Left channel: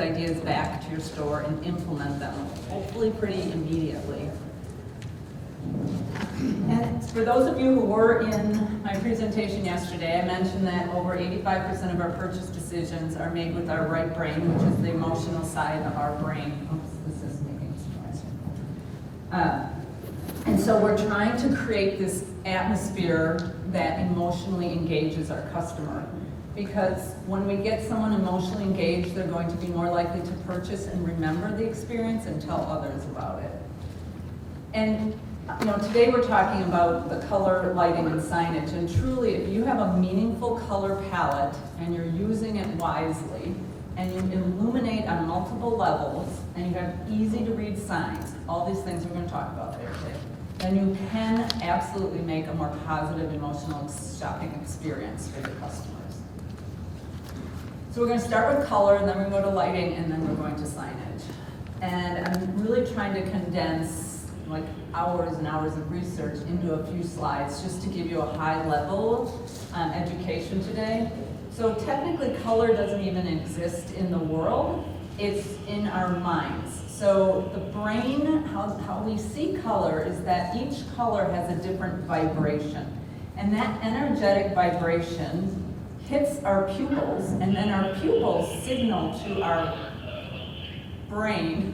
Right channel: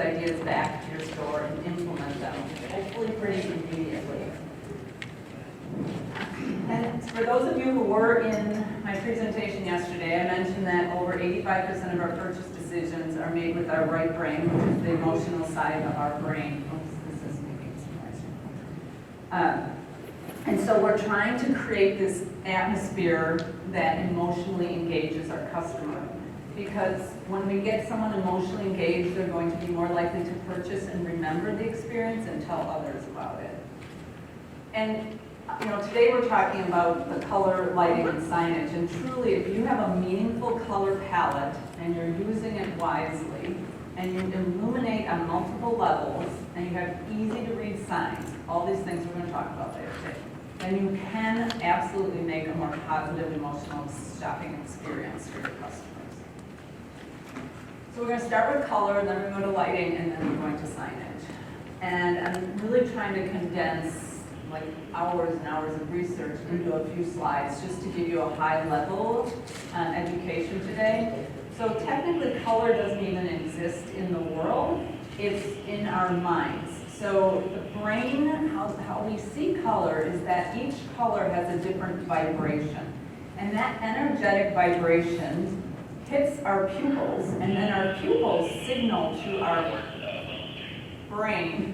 ideas back to your store and implement them, hopefully pretty immediately. And for those of you who were in my presentation yesterday, I mentioned that over 85% of our purchase decisions are made with our right brain, which is the emotional side of our brain. Oops, this is making some noise. And so we're trying to create this atmosphere that emotionally engages our customer. Because when we get someone emotionally engaged, they're going to be more likely to purchase and remember the experience and tell others about it. And today we're talking about the color, lighting, and signage. And truly, if you have a meaningful color palette and you're using it wisely, and you illuminate on multiple levels, and you have easy to read signs, all these things we're going to talk about later today, then you can absolutely make a more positive emotional shopping experience for your customers. So we're going to start with color, and then we're going to go to lighting, and then we're going to signage. And I'm really trying to condense like hours and hours of research into a few slides just to give you a high level education today. So technically color doesn't even exist in the world, it's in our minds. So the brain, how we see color is that each color has a different vibration. And that energetic vibration hits our pupils, and then our pupils signal to our brain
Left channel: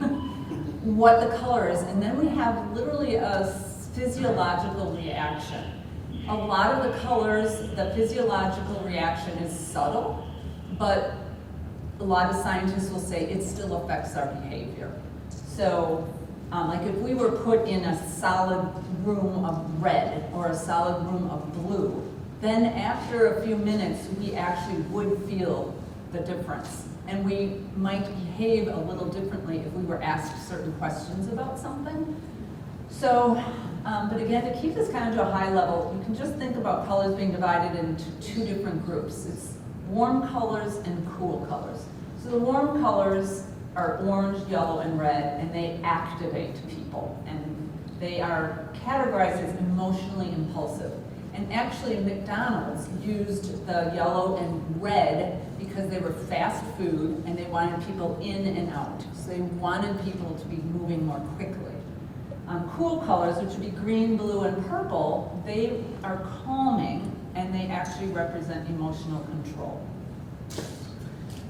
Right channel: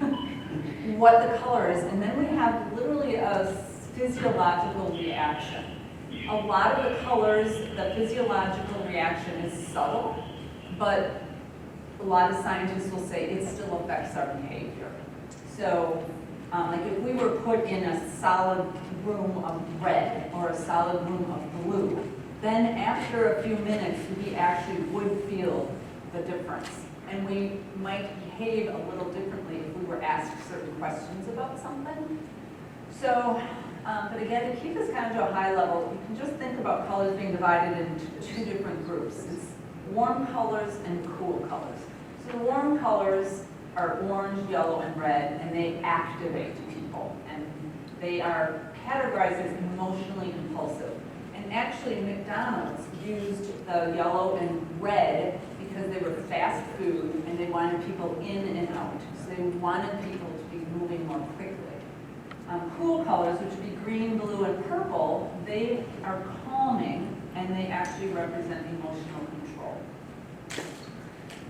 what the color is, and then we have literally a physiological reaction. A lot of the colors, the physiological reaction is subtle, but a lot of scientists will say it still affects our behavior. So, like if we were put in a solid room of red or a solid room of blue, then after a few minutes we actually would feel the difference. And we might behave a little differently if we were asked certain questions about something. So, but again, to keep this kind of to a high level, you can just think about colors being divided into two different groups. It's warm colors and cool colors. So the warm colors are orange, yellow, and red, and they activate people. And they are categorized as emotionally impulsive. And actually, McDonald's used the yellow and red because they were fast food and they wanted people in and out. So they wanted people to be moving more quickly. Cool colors, which would be green, blue, and purple, they are calming and they actually represent emotional control.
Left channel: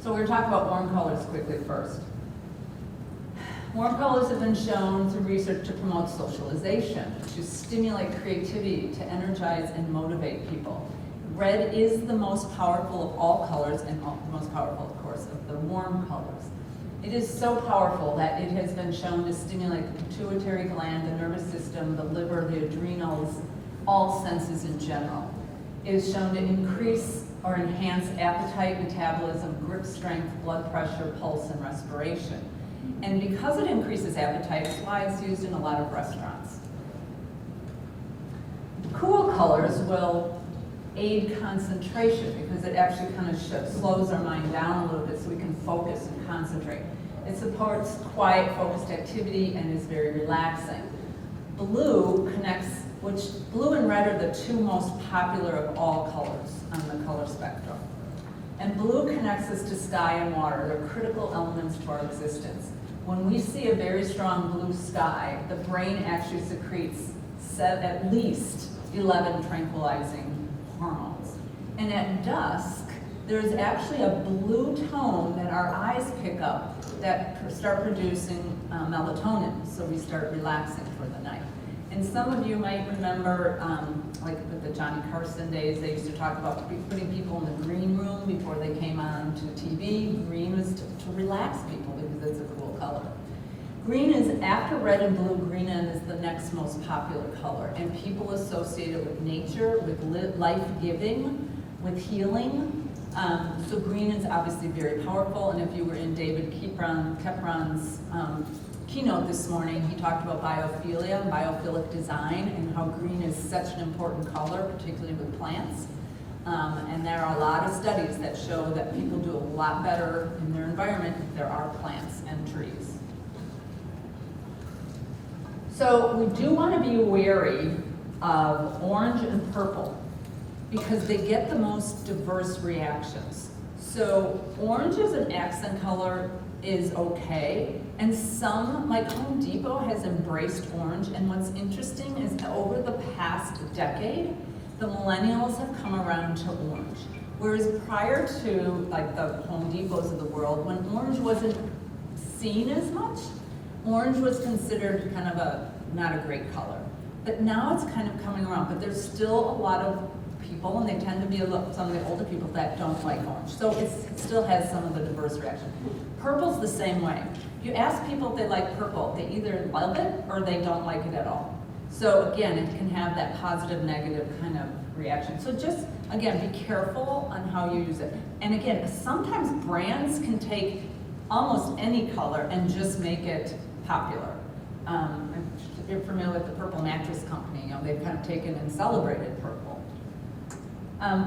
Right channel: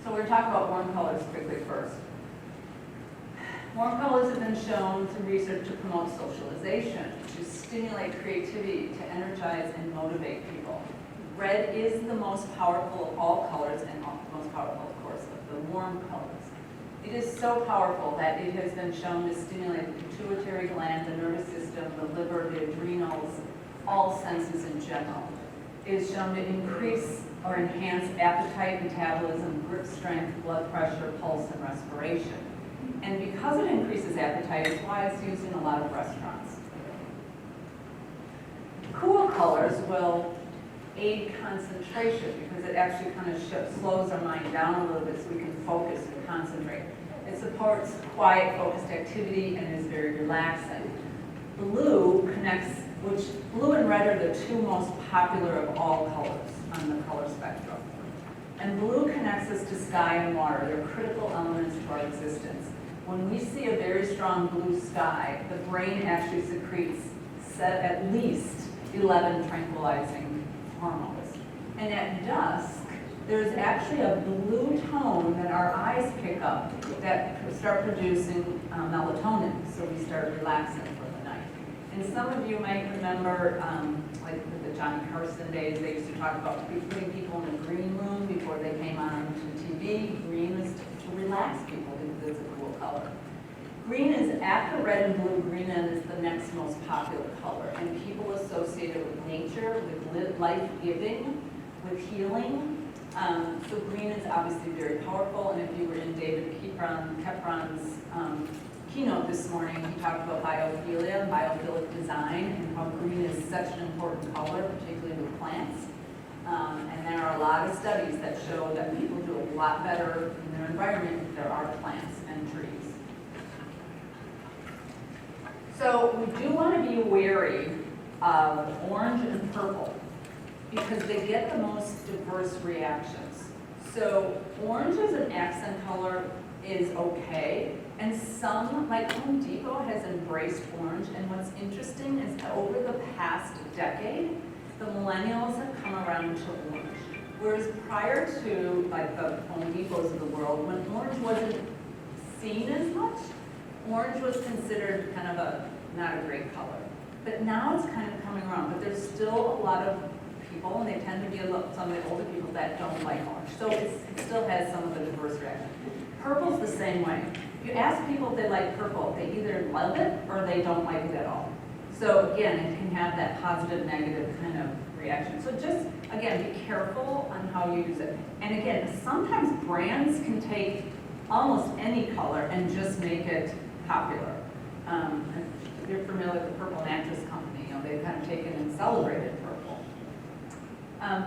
So we're going to talk about warm colors quickly first. Warm colors have been shown through research to promote socialization, to stimulate creativity, to energize and motivate people. Red is the most powerful of all colors, and most powerful, of course, of the warm colors. It is so powerful that it has been shown to stimulate the pituitary gland, the nervous system, the liver, the adrenals, all senses in general. It is shown to increase or enhance appetite, metabolism, grip strength, blood pressure, pulse, and respiration. And because it increases appetite, it's why it's used in a lot of restaurants. Cool colors will aid concentration because it actually kind of slows our mind down a little bit so we can focus and concentrate. It supports quiet, focused activity and is very relaxing. Blue connects, blue and red are the two most popular of all colors on the color spectrum. And blue connects us to sky and water. They're critical elements to our existence. When we see a very strong blue sky, the brain actually secretes at least 11 tranquilizing hormones. And at dusk, there's actually a blue tone that our eyes pick up that start producing melatonin, so we start relaxing for the night. And some of you might remember, like with the Johnny Carson days, they used to talk about putting people in the green room before they came on to TV. Green was to relax people because it's a cool color. Green is, after red and blue, green is the next most popular color, and people associate it with nature, with life-giving, with healing. So green is obviously very powerful, and if you were in David Kepron's keynote this morning, he talked about biophilia, biophilic design, and how green is such an important color, particularly with plants. And there are a lot of studies that show that people do a lot better in their environment if there are plants and trees. So we do want to be wary of orange and purple because they get the most diverse reactions. So orange is an accent color. is okay. And some, like Home Depot, has embraced orange. And what's interesting is that over the past decade, the millennials have come around to orange. Whereas prior to like the Home Depots of the world, when orange wasn't seen as much, orange was considered kind of not a great color. But now it's kind of coming around, but there's still a lot of people, and they tend to be some of the older people that don't like orange. So it still has some of the diverse reaction. Purple's the same way. You ask people if they like purple, they either love it or they don't like it at all. So again, it can have that positive, negative kind of reaction. So just, again, be careful on how you use it. And again, sometimes brands can take almost any color and just make it popular. If you're familiar with the Purple Mattress Company, they've kind of taken and celebrated purple.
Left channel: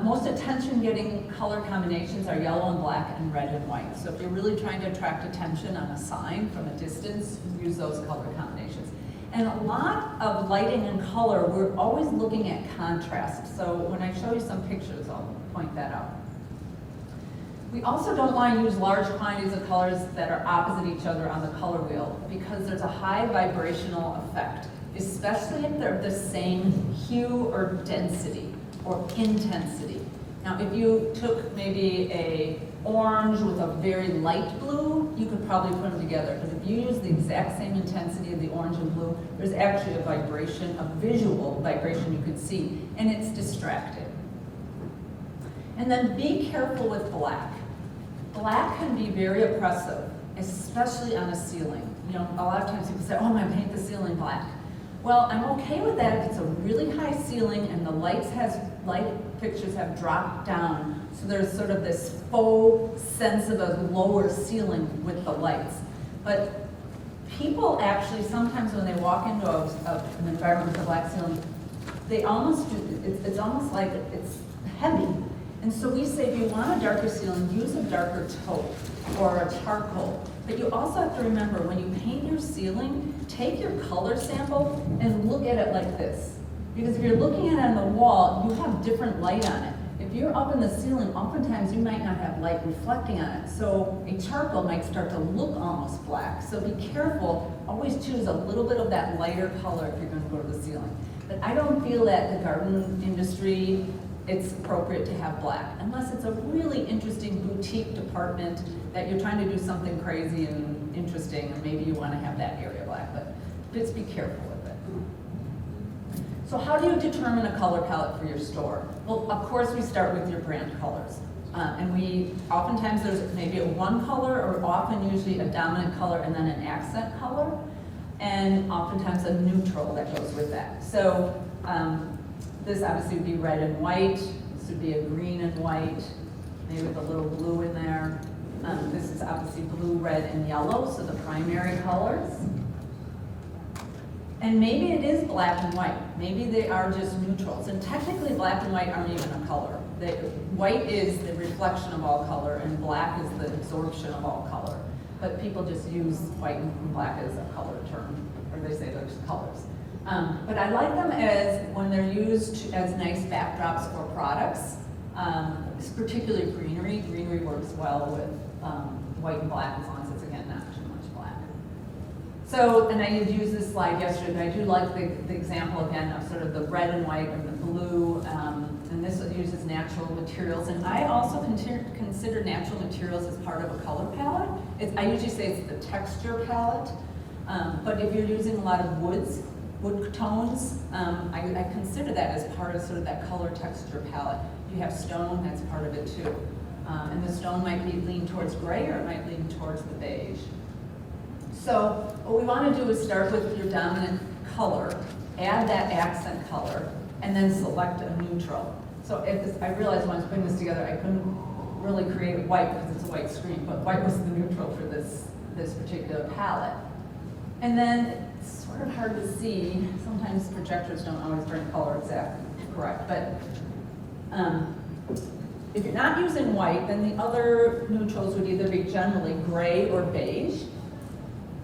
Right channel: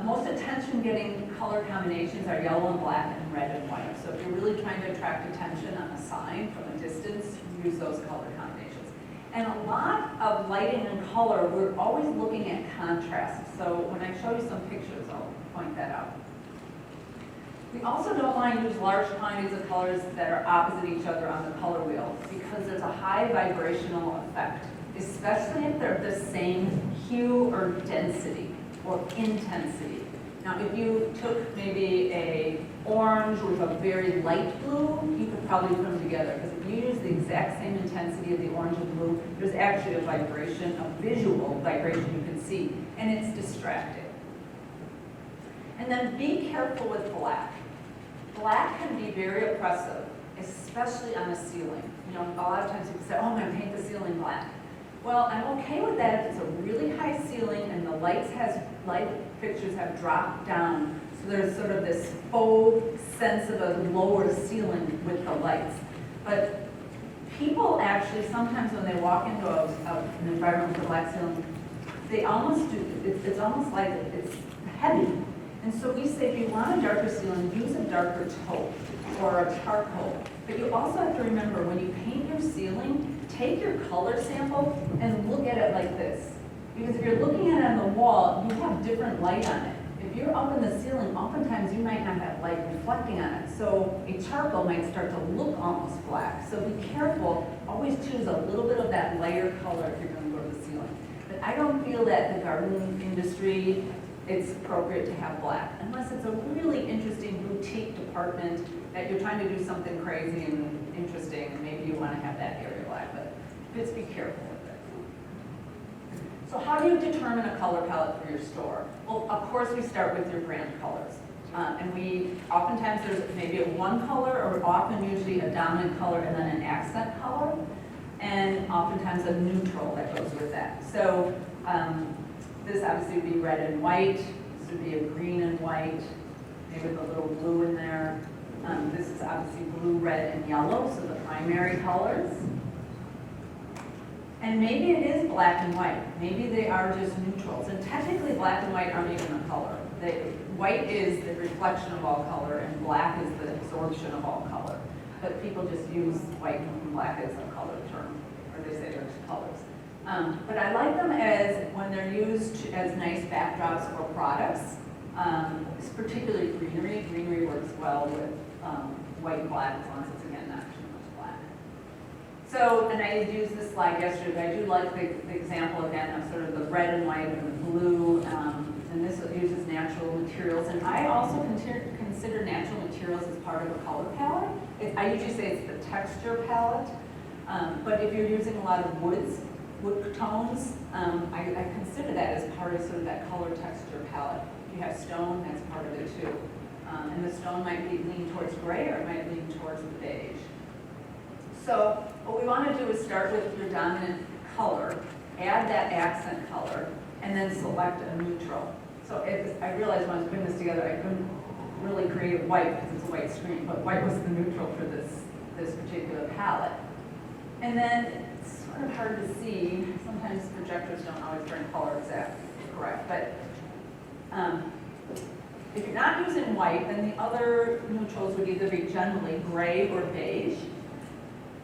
Most attention-getting color combinations are yellow and black and red and white. So if you're really trying to attract attention on a sign from a distance, use those color combinations. And a lot of lighting and color, we're always looking at contrast. So when I show you some pictures, I'll point that out. We also don't want to use large quantities of colors that are opposite each other on the color wheel because there's a high vibrational effect, especially if they're the same hue or density or intensity. Now, if you took maybe a orange with a very light blue, you could probably put them together because if you use the exact same intensity of the orange and blue, there's actually a vibration, a visual vibration you can see, and it's distracting. And then be careful with black. Black can be very oppressive, especially on a ceiling. You know, a lot of times people say, oh, I'm going to paint the ceiling black. Well, I'm okay with that if it's a really high ceiling and the light fixtures have dropped down, so there's sort of this faux sense of a lower ceiling with the lights. But people actually, sometimes when they walk into an environment with a black ceiling, they almost do, it's almost like it's heavy. And so we say if you want a darker ceiling, use a darker taupe or a charcoal. But you also have to remember when you paint your ceiling, take your color sample and look at it like this. Because if you're looking at it on the wall, you have different light on it. If you're up in the ceiling, oftentimes you might not have light reflecting on it. So a charcoal might start to look almost black. So be careful, always choose a little bit of that lighter color if you're going to go to the ceiling. But I don't feel that the garden industry, it's appropriate to have black, unless it's a really interesting boutique department that you're trying to do something crazy and interesting, and maybe you want to have that area black, but just be careful with it. So how do you determine a color palette for your store? Well, of course we start with your brand colors. And oftentimes there's maybe a one color, or often usually a dominant color and then an accent color, and oftentimes a neutral that goes with that. So this obviously would be red and white. This would be a green and white, maybe with a little blue in there. This is obviously blue, red, and yellow, so the primary colors. And maybe it is black and white. Maybe they are just neutrals. And technically black and white aren't even a color. White is the reflection of all color, and black is the absorption of all color. But people just use white and black as a color term, or they say they're just colors. But I like them as when they're used as nice backdrops for products, particularly greenery. Greenery works well with white and black as long as it's, again, not too much black. So, and I used this slide yesterday, but I do like the example again of sort of the red and white and the blue, and this uses natural materials. And I also consider natural materials as part of a color palette. I usually say it's the texture palette, but if you're using a lot of wood tones, I consider that as part of sort of that color texture palette. If you have stone, that's part of it too. And the stone might be lean towards gray, or it might lean towards the beige. So what we want to do is start with your dominant color, add that accent color, and then select a neutral. So I realized when I was putting this together, I couldn't really create white because it's a white screen, but white was the neutral for this particular palette. And then it's sort of hard to see. Sometimes projectors don't always bring color exactly correct, but if you're not using white, then the other neutrals would either be generally gray or beige.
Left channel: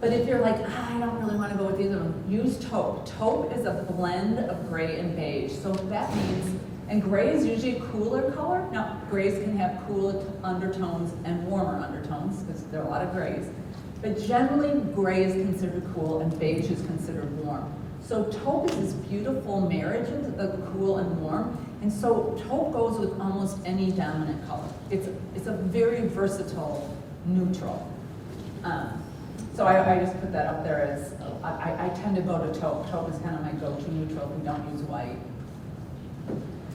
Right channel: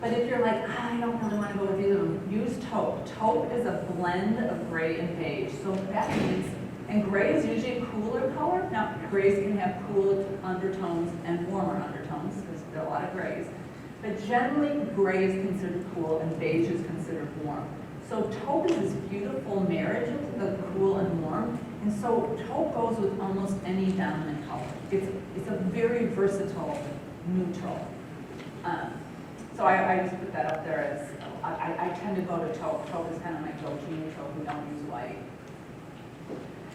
But if you're like, I don't really want to go with either one, use taupe. Taupe is a blend of gray and beige. So what that means, and gray is usually a cooler color. Now, grays can have cool undertones and warmer undertones, because there are a lot of grays. But generally, gray is considered cool and beige is considered warm. So taupe is this beautiful marriage of cool and warm. And so taupe goes with almost any dominant color. It's a very versatile neutral. So I just put that up there as, I tend to go to taupe. Taupe is kind of my go-to neutral if we don't use white.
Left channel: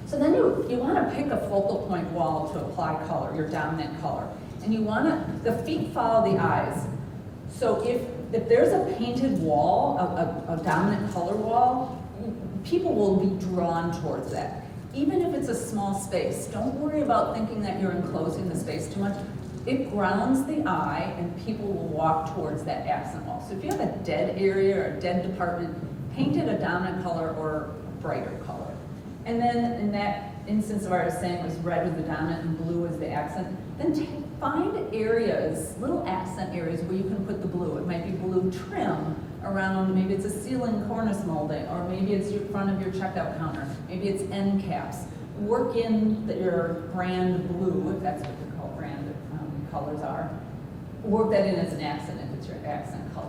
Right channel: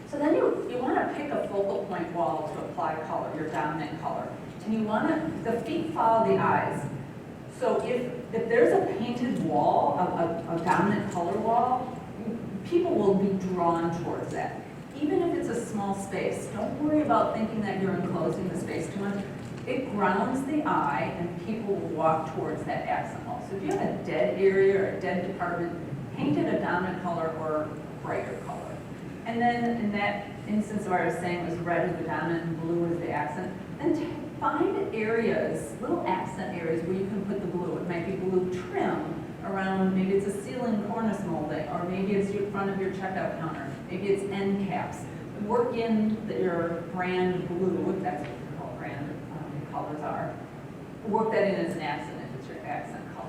So then you want to pick a focal point wall to apply color, your dominant color. And you want to, the feet follow the eyes. So if there's a painted wall, a dominant color wall, people will be drawn towards that. Even if it's a small space, don't worry about thinking that you're enclosing the space too much. It grounds the eye and people will walk towards that accent wall. So if you have a dead area or a dead department, paint it a dominant color or a brighter color. And then in that instance where I was saying it was red was the dominant and blue was the accent, then find areas, little accent areas where you can put the blue. It might be blue trim around, maybe it's a ceiling cornice molding, or maybe it's in front of your checkout counter, maybe it's end caps. Work in your brand blue, if that's what the brand colors are. Work that in as an accent if it's your accent color.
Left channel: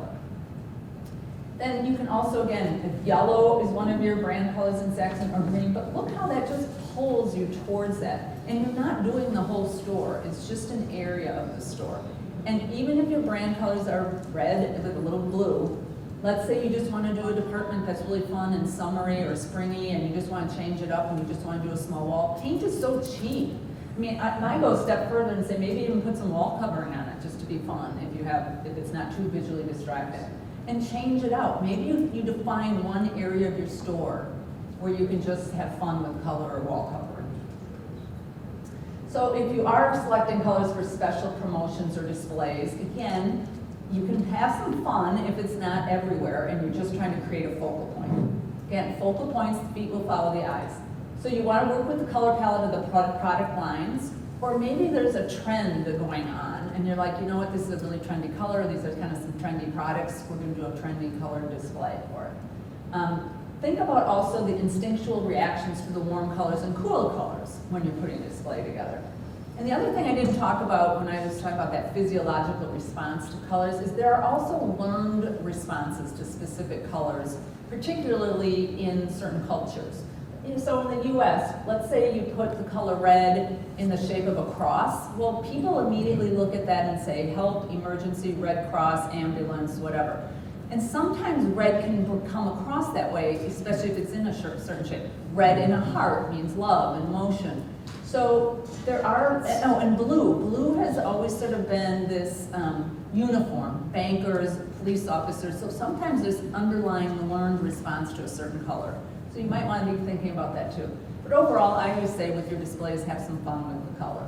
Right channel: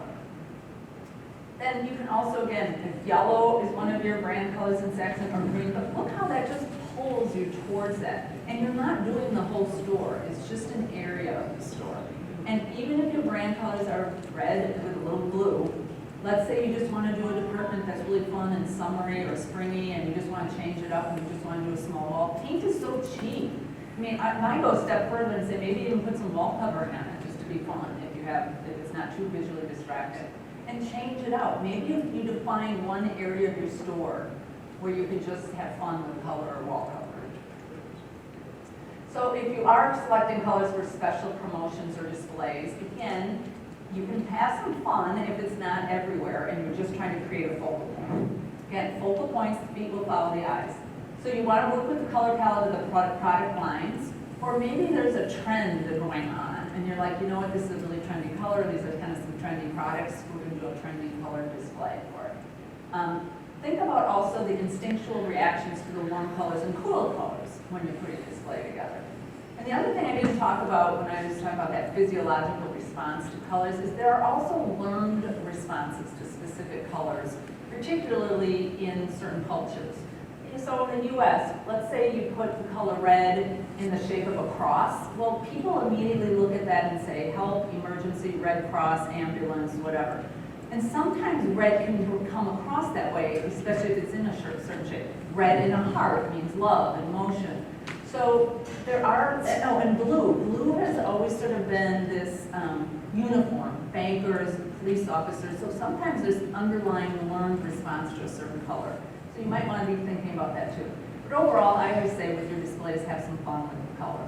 Then you can also, again, if yellow is one of your brand colors in accent or green, but look how that just pulls you towards that. And you're not doing the whole store, it's just an area of the store. And even if your brand colors are red with a little blue, let's say you just want to do a department that's really fun and summery or springy and you just want to change it up and you just want to do a small wall. Paint is so cheap. I mean, I go a step further and say maybe even put some wall covering on it just to be fun if it's not too visually distracting. And change it out. Maybe you define one area of your store where you can just have fun with color or wall cover. So if you are selecting colors for special promotions or displays, again, you can have some fun if it's not everywhere and you're just trying to create a focal point. Again, focal points, the feet will follow the eyes. So you want to work with the color palette of the product lines, or maybe there's a trend going on and you're like, you know what, this is a really trendy color, these are kind of some trendy products, we're going to do a trendy color display for it. Think about also the instinctual reactions to the warm colors and cool colors when you're putting a display together. And the other thing I didn't talk about when I was talking about that physiological response to colors is there are also learned responses to specific colors, particularly in certain cultures. So in the US, let's say you put the color red in the shape of a cross. Well, people immediately look at that and say, help, emergency, Red Cross, ambulance, whatever. And sometimes red can come across that way, especially if it's in a certain shape. Red in a heart means love and motion. So there are, oh, and blue. Blue has always sort of been this uniform, bankers, police officers. So sometimes there's underlying learned response to a certain color. So you might want to be thinking about that too. But overall, I would say with your displays, have some fun with the color.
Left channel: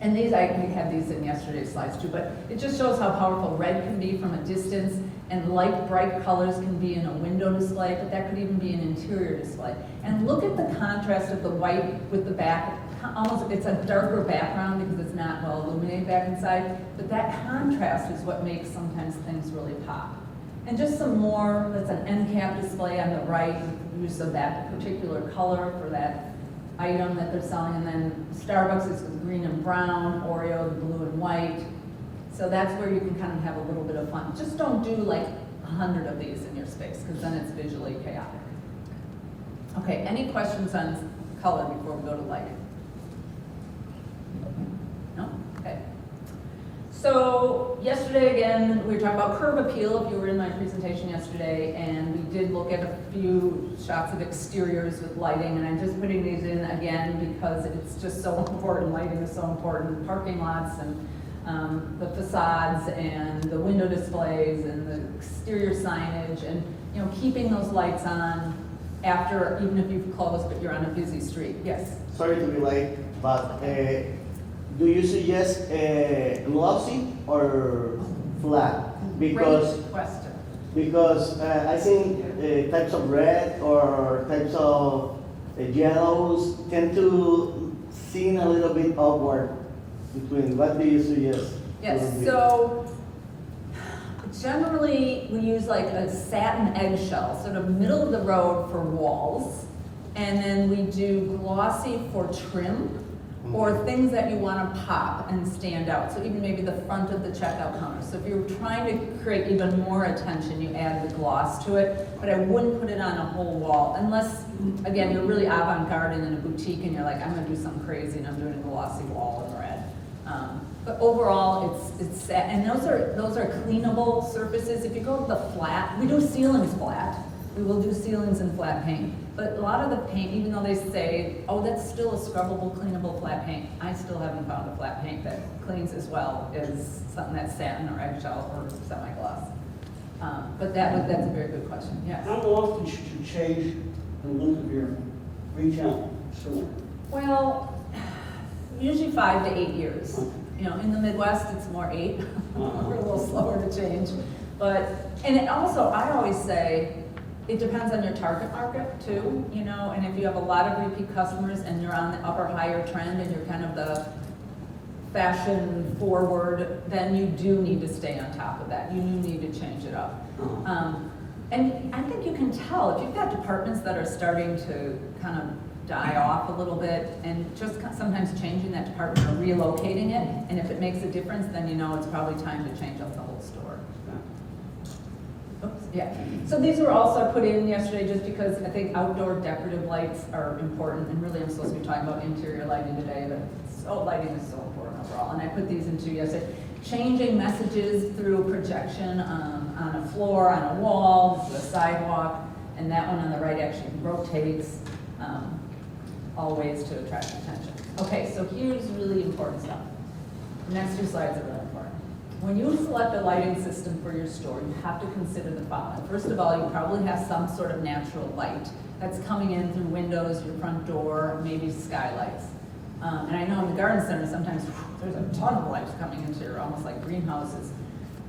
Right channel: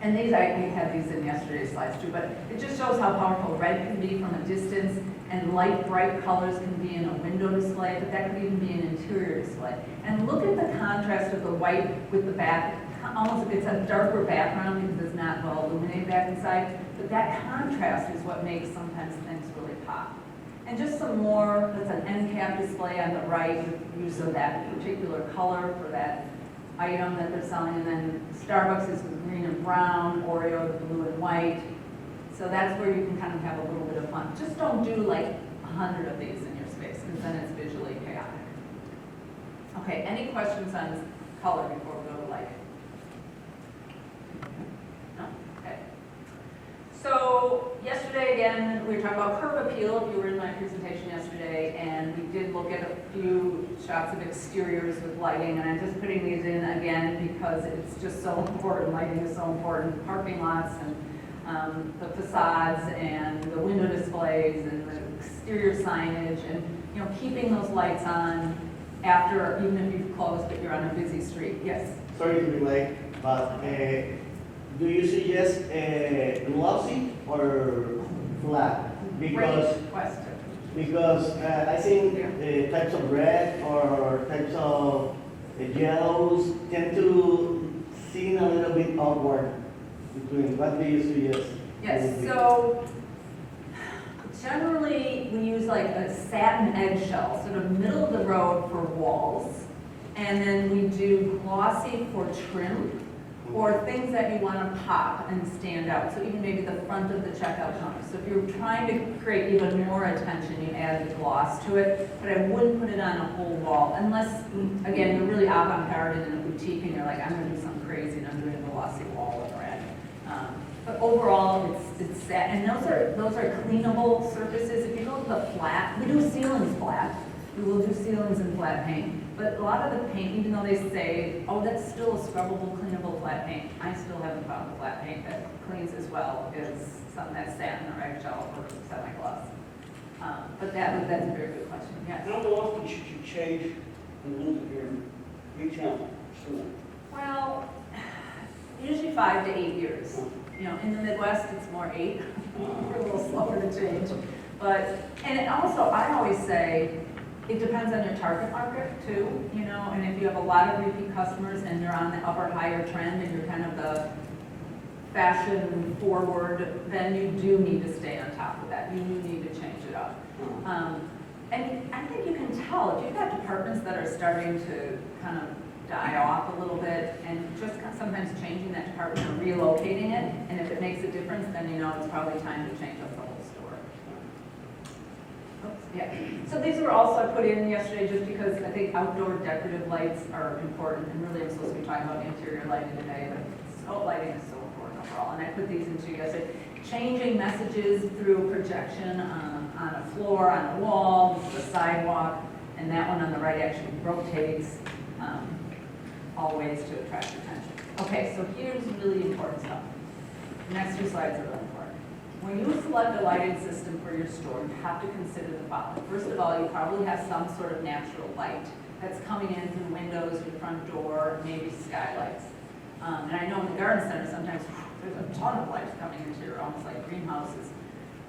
And these, I had these in yesterday's slides too, but it just shows how powerful red can be from a distance, and light, bright colors can be in a window display, but that could even be an interior display. And look at the contrast of the white with the back. Almost, it's a darker background because it's not well illuminated back inside, but that contrast is what makes sometimes things really pop. And just some more, that's an end cap display on the right with use of that particular color for that item that they're selling. And then Starbucks is with green and brown, Oreo the blue and white. So that's where you can kind of have a little bit of fun. Just don't do like 100 of these in your space because then it's visually chaotic. Okay, any questions on color before we go to lighting? No? Okay. So yesterday, again, we were talking about curb appeal, if you were in my presentation yesterday, and we did look at a few shots of exteriors with lighting, and I'm just putting these in again because it's just so important. Lighting is so important. Parking lots and the facades and the window displays and the exterior signage, and keeping those lights on after, even if you've closed but you're on a busy street. Yes? Sorry to be late, but do you suggest glossy or flat? Great question. Because I think types of red or types of yellows tend to seem a little bit awkward. What do you suggest? Yes, so generally we use like a satin eggshell, sort of middle of the road for walls, and then we do glossy for trim. or things that you want to pop and stand out. So even maybe the front of the checkout counter. So if you're trying to create even more attention, you add the gloss to it, but I wouldn't put it on a whole wall unless, again, you're really avant-garde in a boutique and you're like, I'm gonna do something crazy and I'm doing a glossy wall in red. But overall, it's sad, and those are cleanable surfaces. If you go with the flat, we do ceilings flat. We will do ceilings in flat paint. But a lot of the paint, even though they say, oh, that's still a scrubbable, cleanable flat paint, I still haven't found a flat paint that cleans as well as something that's satin or eggshell or semi-gloss. But that's a very good question, yes. How often should you change the look of your retail store? Well, usually 5 to 8 years. You know, in the Midwest, it's more 8. We're a little slower to change. But, and it also, I always say, it depends on your target market too, you know, and if you have a lot of repeat customers and you're on the upper higher trend and you're kind of the fashion forward, then you do need to stay on top of that. You do need to change it up. And I think you can tell if you've got departments that are starting to kind of die off a little bit and just sometimes changing that department or relocating it, and if it makes a difference, then you know it's probably time to change up the whole store. Oops, yeah. So these were also put in yesterday just because I think outdoor decorative lights are important, and really I'm supposed to be talking about interior lighting today, but lighting is so important overall, and I put these into yesterday. Changing messages through projection on a floor, on a wall, to a sidewalk, and that one on the right actually rotates. All ways to attract attention. Okay, so here's really important stuff. The next 2 slides are really important. When you select a lighting system for your store, you have to consider the following. First of all, you probably have some sort of natural light that's coming in through windows, your front door, maybe skylights. And I know in the garden center, sometimes there's a ton of lights coming into here, almost like greenhouses.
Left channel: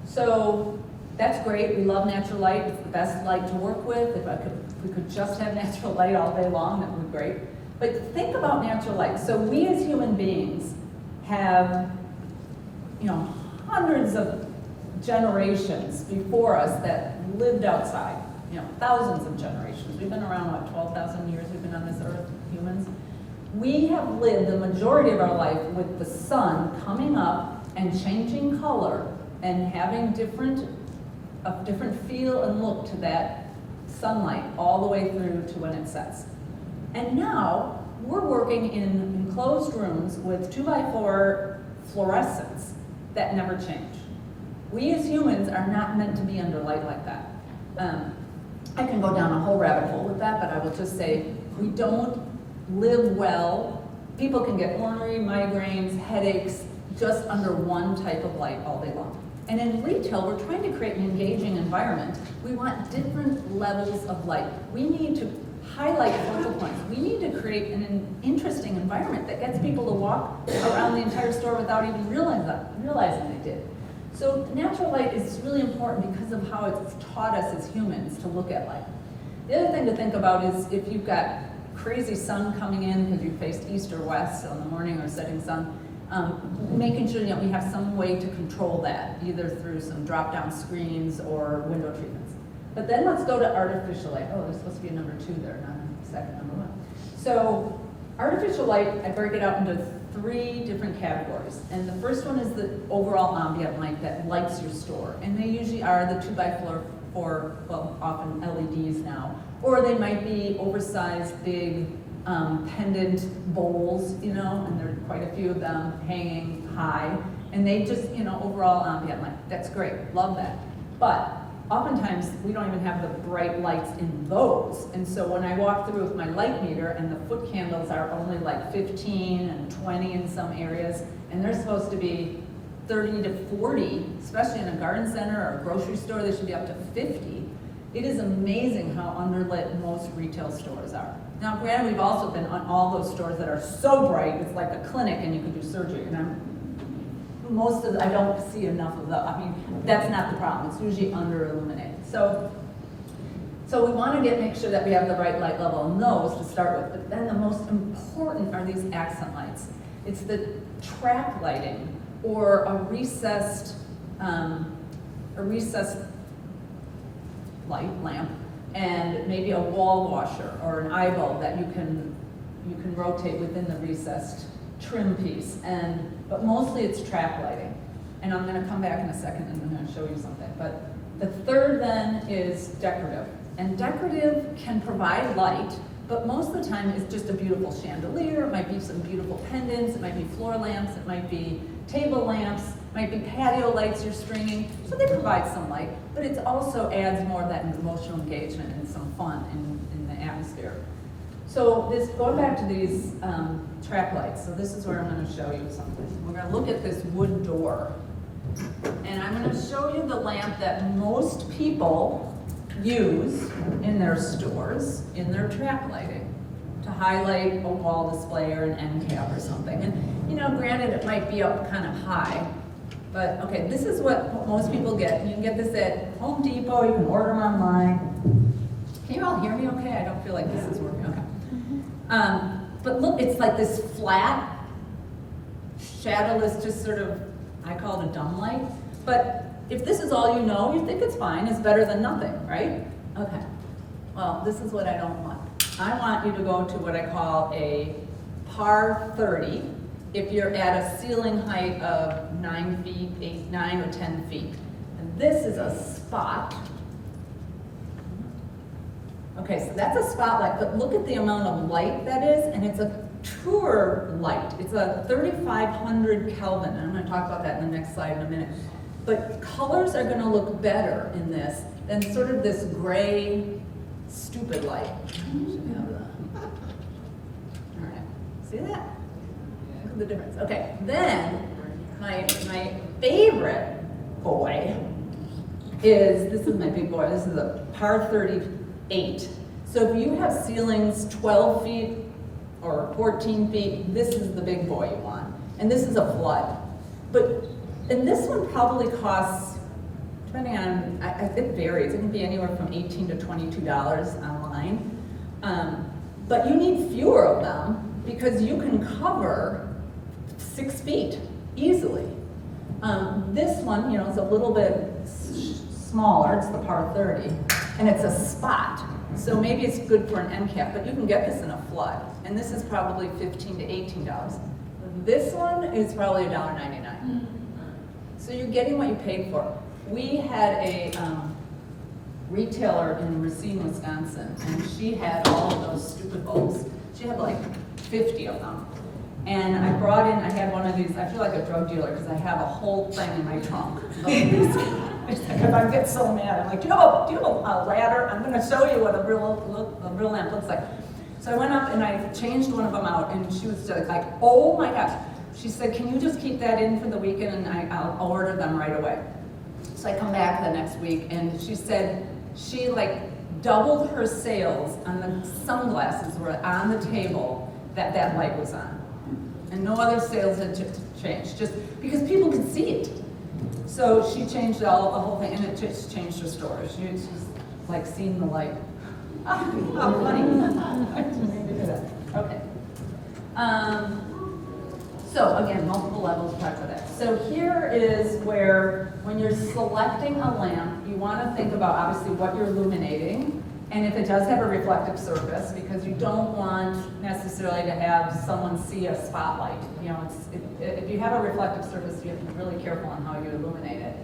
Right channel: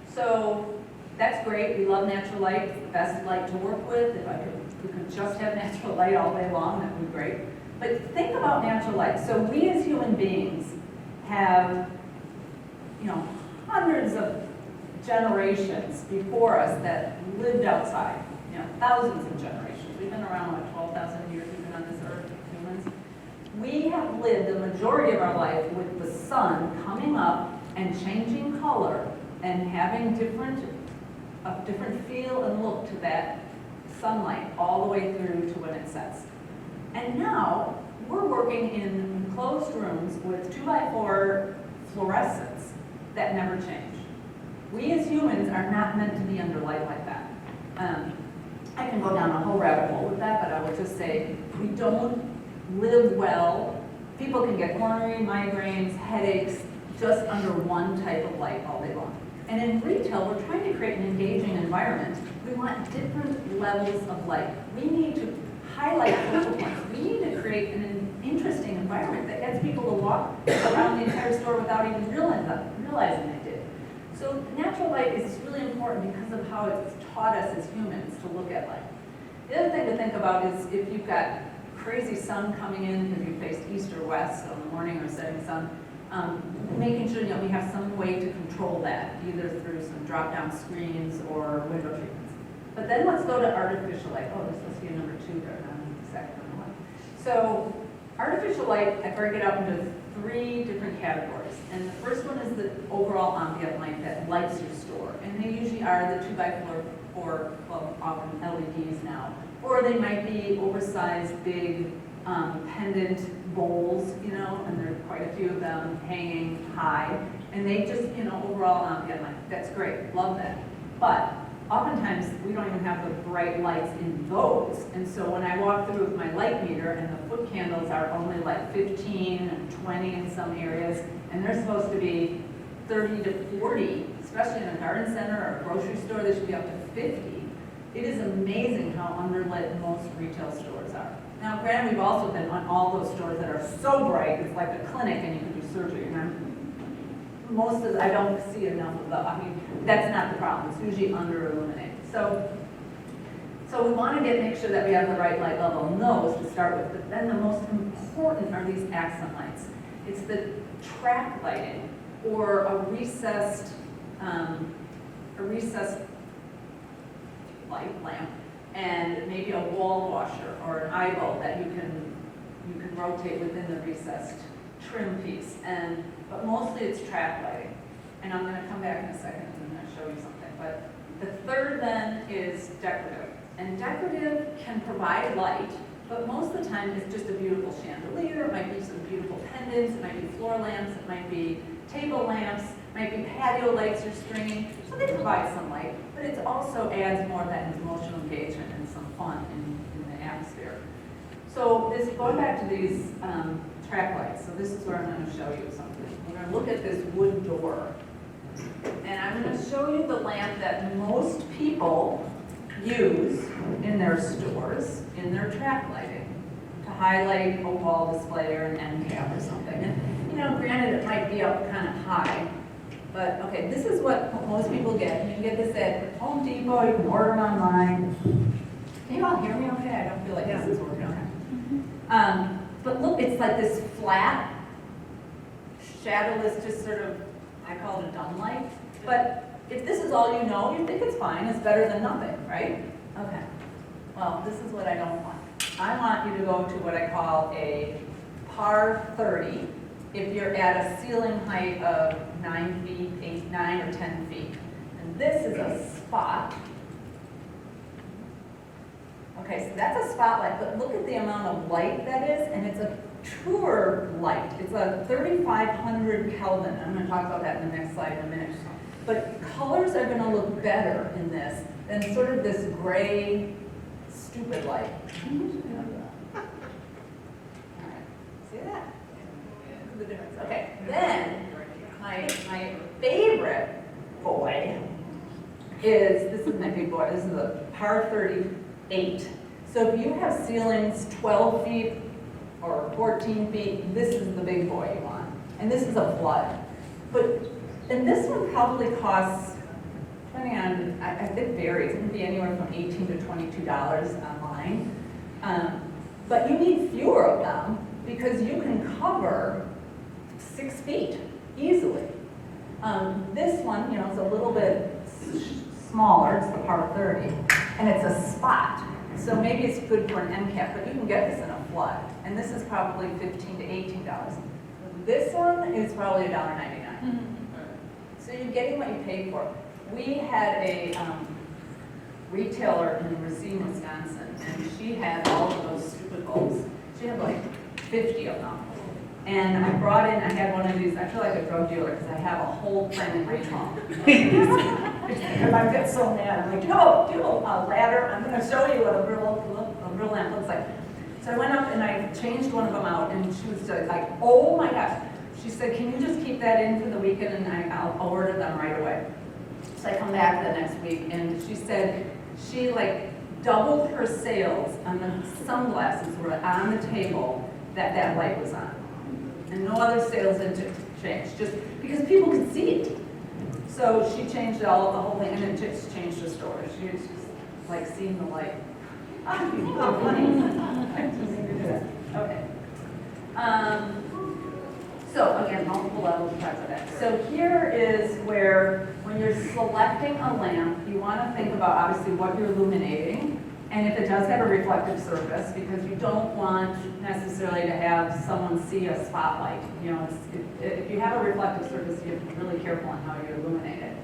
So that's great. We love natural light. It's the best light to work with. If we could just have natural light all day long, that would be great. But think about natural light. So we as human beings have, you know, hundreds of generations before us that lived outside. You know, thousands of generations. We've been around, what, 12,000 years we've been on this earth, humans? We have lived the majority of our life with the sun coming up and changing color and having a different feel and look to that sunlight all the way through to when it sets. And now, we're working in enclosed rooms with 2x4 fluorescents that never change. We as humans are not meant to be under light like that. I can go down a whole rabbit hole with that, but I will just say, we don't live well. People can get ornery, migraines, headaches, just under one type of light all day long. And in retail, we're trying to create an engaging environment. We want different levels of light. We need to highlight focal points. We need to create an interesting environment that gets people to walk around the entire store without even realizing they did. So natural light is really important because of how it's taught us as humans to look at light. The other thing to think about is if you've got crazy sun coming in because you faced east or west on the morning or setting sun, making sure that we have some way to control that, either through some drop-down screens or window treatments. But then let's go to artificial light. Oh, there's supposed to be a number 2 there, not second number 1. So artificial light, I break it up into 3 different categories. And the first one is the overall ambient light that lights your store. And they usually are the 2x4, well, often LEDs now. Or they might be oversized, big, pendant bowls, you know, and there are quite a few of them hanging high. And they just, you know, overall ambient light. That's great, love that. But oftentimes, we don't even have the bright lights in those. And so when I walk through with my light meter and the foot candles are only like 15 and 20 in some areas, and they're supposed to be 30 to 40, especially in a garden center or a grocery store, they should be up to 50. It is amazing how underlit most retail stores are. Now, granted, we've also been on all those stores that are so bright, it's like a clinic and you can do surgery. And I don't see enough of those. I mean, that's not the problem. It's usually under illuminated. So we want to make sure that we have the right light level in those to start with. But then the most important are these accent lights. It's the track lighting or a recessed light lamp, and maybe a wall washer or an eye bulb that you can rotate within the recessed trim piece, but mostly it's track lighting. And I'm gonna come back in a second and I'm gonna show you something. But the third then is decorative. And decorative can provide light, but most of the time it's just a beautiful chandelier, it might be some beautiful pendants, it might be floor lamps, it might be table lamps, it might be patio lights you're stringing. So they provide some light, but it also adds more of that emotional engagement and some fun in the atmosphere. So this, going back to these track lights, so this is where I'm going to show you something. We're going to look at this wood door. And I'm going to show you the lamp that most people use in their stores, in their track lighting, to highlight a wall display or an end cap or something. And, you know, granted, it might be up kind of high, but okay, this is what most people get. You can get this at Home Depot, you can order them online. Can you all hear me okay? I don't feel like this is working okay. But look, it's like this flat, shadowless, just sort of, I call it a dumb light. But if this is all you know, you think it's fine, it's better than nothing, right? Okay, well, this is what I don't want. I want you to go to what I call a par 30 if you're at a ceiling height of 9 feet, 9 or 10 feet. And this is a spot. Okay, so that's a spotlight, but look at the amount of light that is, and it's a truer light. It's a 3,500 Kelvin, and I'm going to talk about that in the next slide in a minute. But colors are going to look better in this than sort of this gray, stupid light. All right, see that? Look at the difference. Okay, then my favorite boy is, this is my big boy, this is a par 38. So if you have ceilings 12 feet or 14 feet, this is the big boy you want. And this is a flood. And this one probably costs, depending on, it varies, it can be anywhere from $18 to $22 online. But you need fewer of them because you can cover 6 feet easily. This one, you know, is a little bit smaller, it's the par 30, and it's a spot. So maybe it's good for an end cap, but you can get this in a flood. And this is probably $15 to $18. This one is probably $1.99. So you're getting what you paid for. We had a retailer in Racine, Wisconsin, and she had all of those stupid bulbs. She had like 50 of them. And I had one of these, I feel like a drug dealer because I have a whole thing in my trunk. If I get so mad, I'm like, do you have a ladder? I'm going to show you what a real lamp looks like. So I went up and I changed one of them out, and she was just like, oh my gosh. She said, can you just keep that in for the weekend, and I'll order them right away. So I come back the next week, and she said she like doubled her sales on the sunglasses were on the table that light was on. And no other sales had changed, just because people could see it. So she changed the whole thing, and it just changed her store. She was like seeing the light. Oh, funny. Okay. So again, multiple levels of touch of that. So here is where, when you're selecting a lamp, you want to think about obviously what you're illuminating, and if it does have a reflective surface, because you don't want necessarily to have someone see a spotlight. You know, if you have a reflective surface, you have to be really careful on how you illuminate it.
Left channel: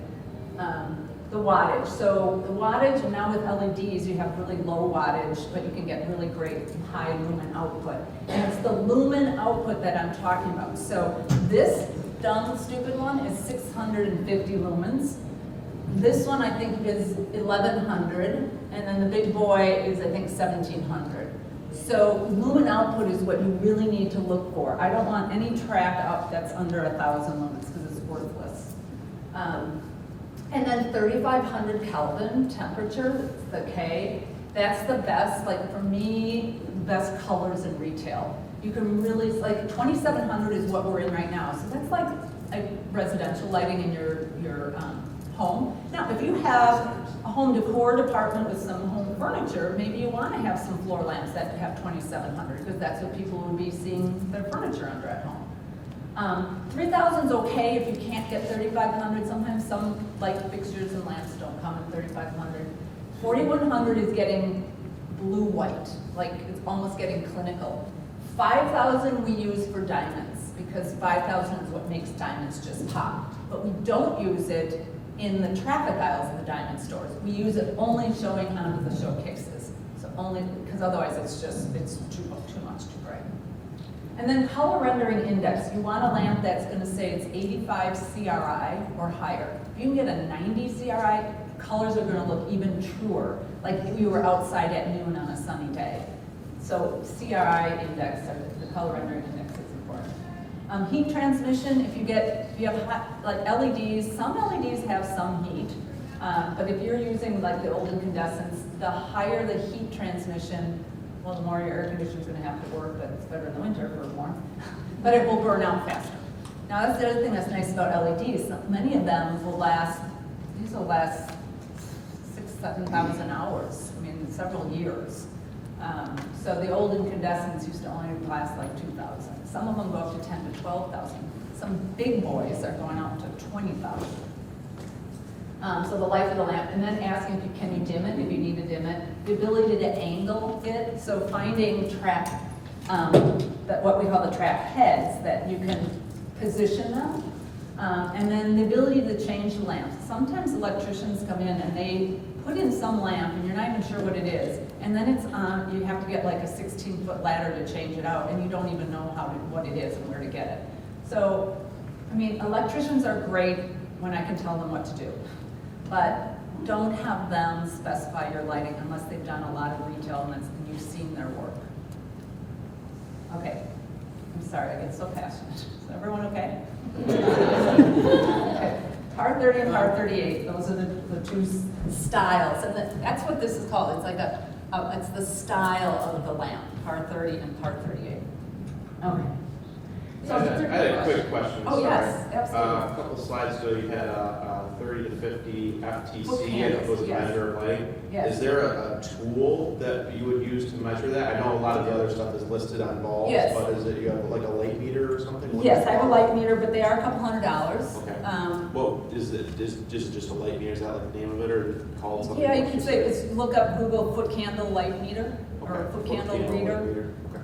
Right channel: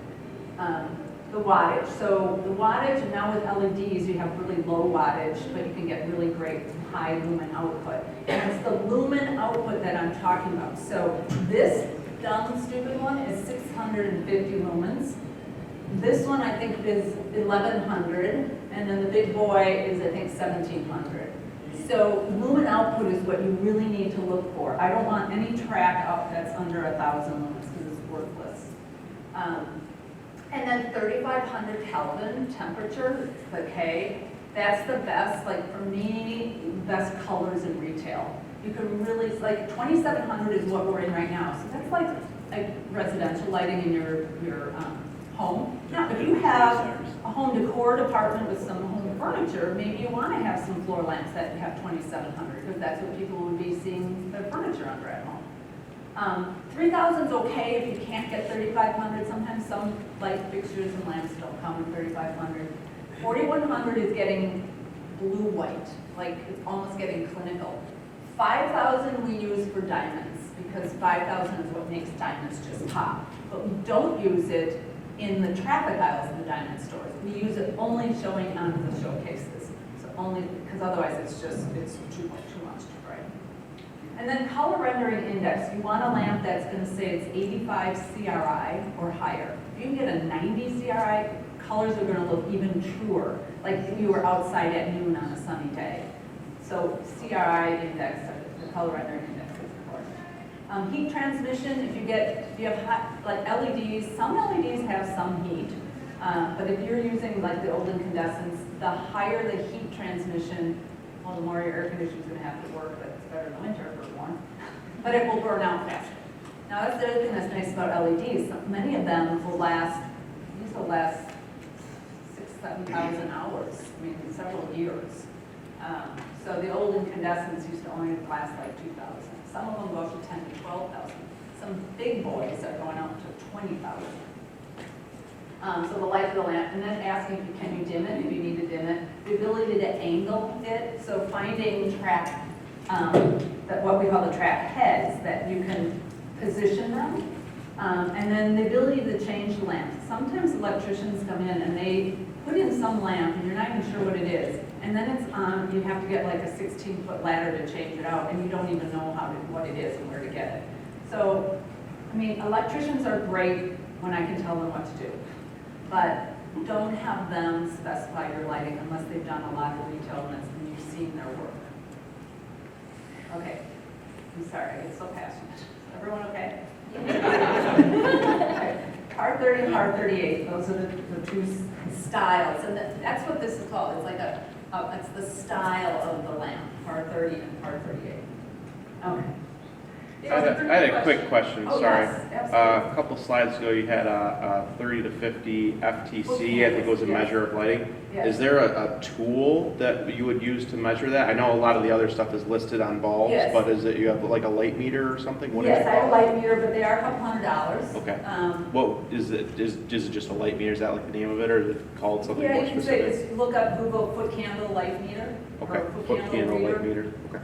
The wattage. So the wattage, and now with LEDs, you have really low wattage, but you can get really great high lumen output. And it's the lumen output that I'm talking about. So this dumb, stupid one is 650 lumens. This one I think is 1100, and then the big boy is I think 1700. So lumen output is what you really need to look for. I don't want any track up that's under 1,000 lumens because it's worthless. And then 3,500 Kelvin temperature, the K, that's the best, like for me, best colors in retail. You can really, like 2,700 is what we're in right now. So that's like residential lighting in your home. Now, if you have a home decor department with some home furniture, maybe you want to have some floor lamps that have 2,700 because that's what people would be seeing their furniture under at home. 3,000 is okay if you can't get 3,500. Sometimes some light fixtures and lamps don't come in 3,500. 4,100 is getting blue-white, like it's almost getting clinical. 5,000 we use for diamonds because 5,000 is what makes diamonds just pop. But we don't use it in the traffic aisles of the diamond stores. We use it only showing onto the showcases. So only, because otherwise it's too much, too bright. And then color rendering index. You want a lamp that's going to say it's 85 CRI or higher. If you can get a 90 CRI, colors are going to look even truer, like if you were outside at noon on a sunny day. So CRI index, or the color rendering index is important. Heat transmission, if you have hot, like LEDs, some LEDs have some heat, but if you're using like the old incandescents, the higher the heat transmission, well, the more your air conditioner's going to have to work, but it's better in the winter for warmth, but it will burn out faster. Now, that's the other thing that's nice about LEDs. Many of them will last, these will last 6,000 to 7,000 hours, I mean, several years. So the old incandescents used to only last like 2,000. Some of them go up to 10 to 12,000. Some big boys are going out to 20,000. So the life of the lamp, and then asking if you can you dim it, if you need to dim it. The ability to angle it, so finding track, that what we call the track heads, that you can position them. And then the ability to change the lamps. Sometimes electricians come in and they put in some lamp and you're not even sure what it is. And then it's on, you have to get like a 16-foot ladder to change it out, and you don't even know what it is and where to get it. So, I mean, electricians are great when I can tell them what to do. But don't have them specify your lighting unless they've done a lot of retail and you've seen their work. Okay, I'm sorry, I get so passionate. Is everyone okay? Okay. Par 30 and par 38, those are the two styles, and that's what this is called. It's like it's the style of the lamp, par 30 and par 38. Okay. I had a quick question, Oh, sorry. yes, absolutely. A couple slides ago, you had a 30 to 50 FTC, I think it was a measure of lighting. Yes. Is there a tool that you would use to measure that? I know a lot of the other stuff is listed on bulbs, Yes. but is it, you have like a light meter or something? What Yes, is it I have a called? light meter, but they are a couple $100. Okay. What is it? Is it just a light meter? Is that like the name of it, or is it called something? Yeah, you more can say, specific? just look up Google foot candle light meter, Okay, or foot foot candle candle reader. light meter, okay.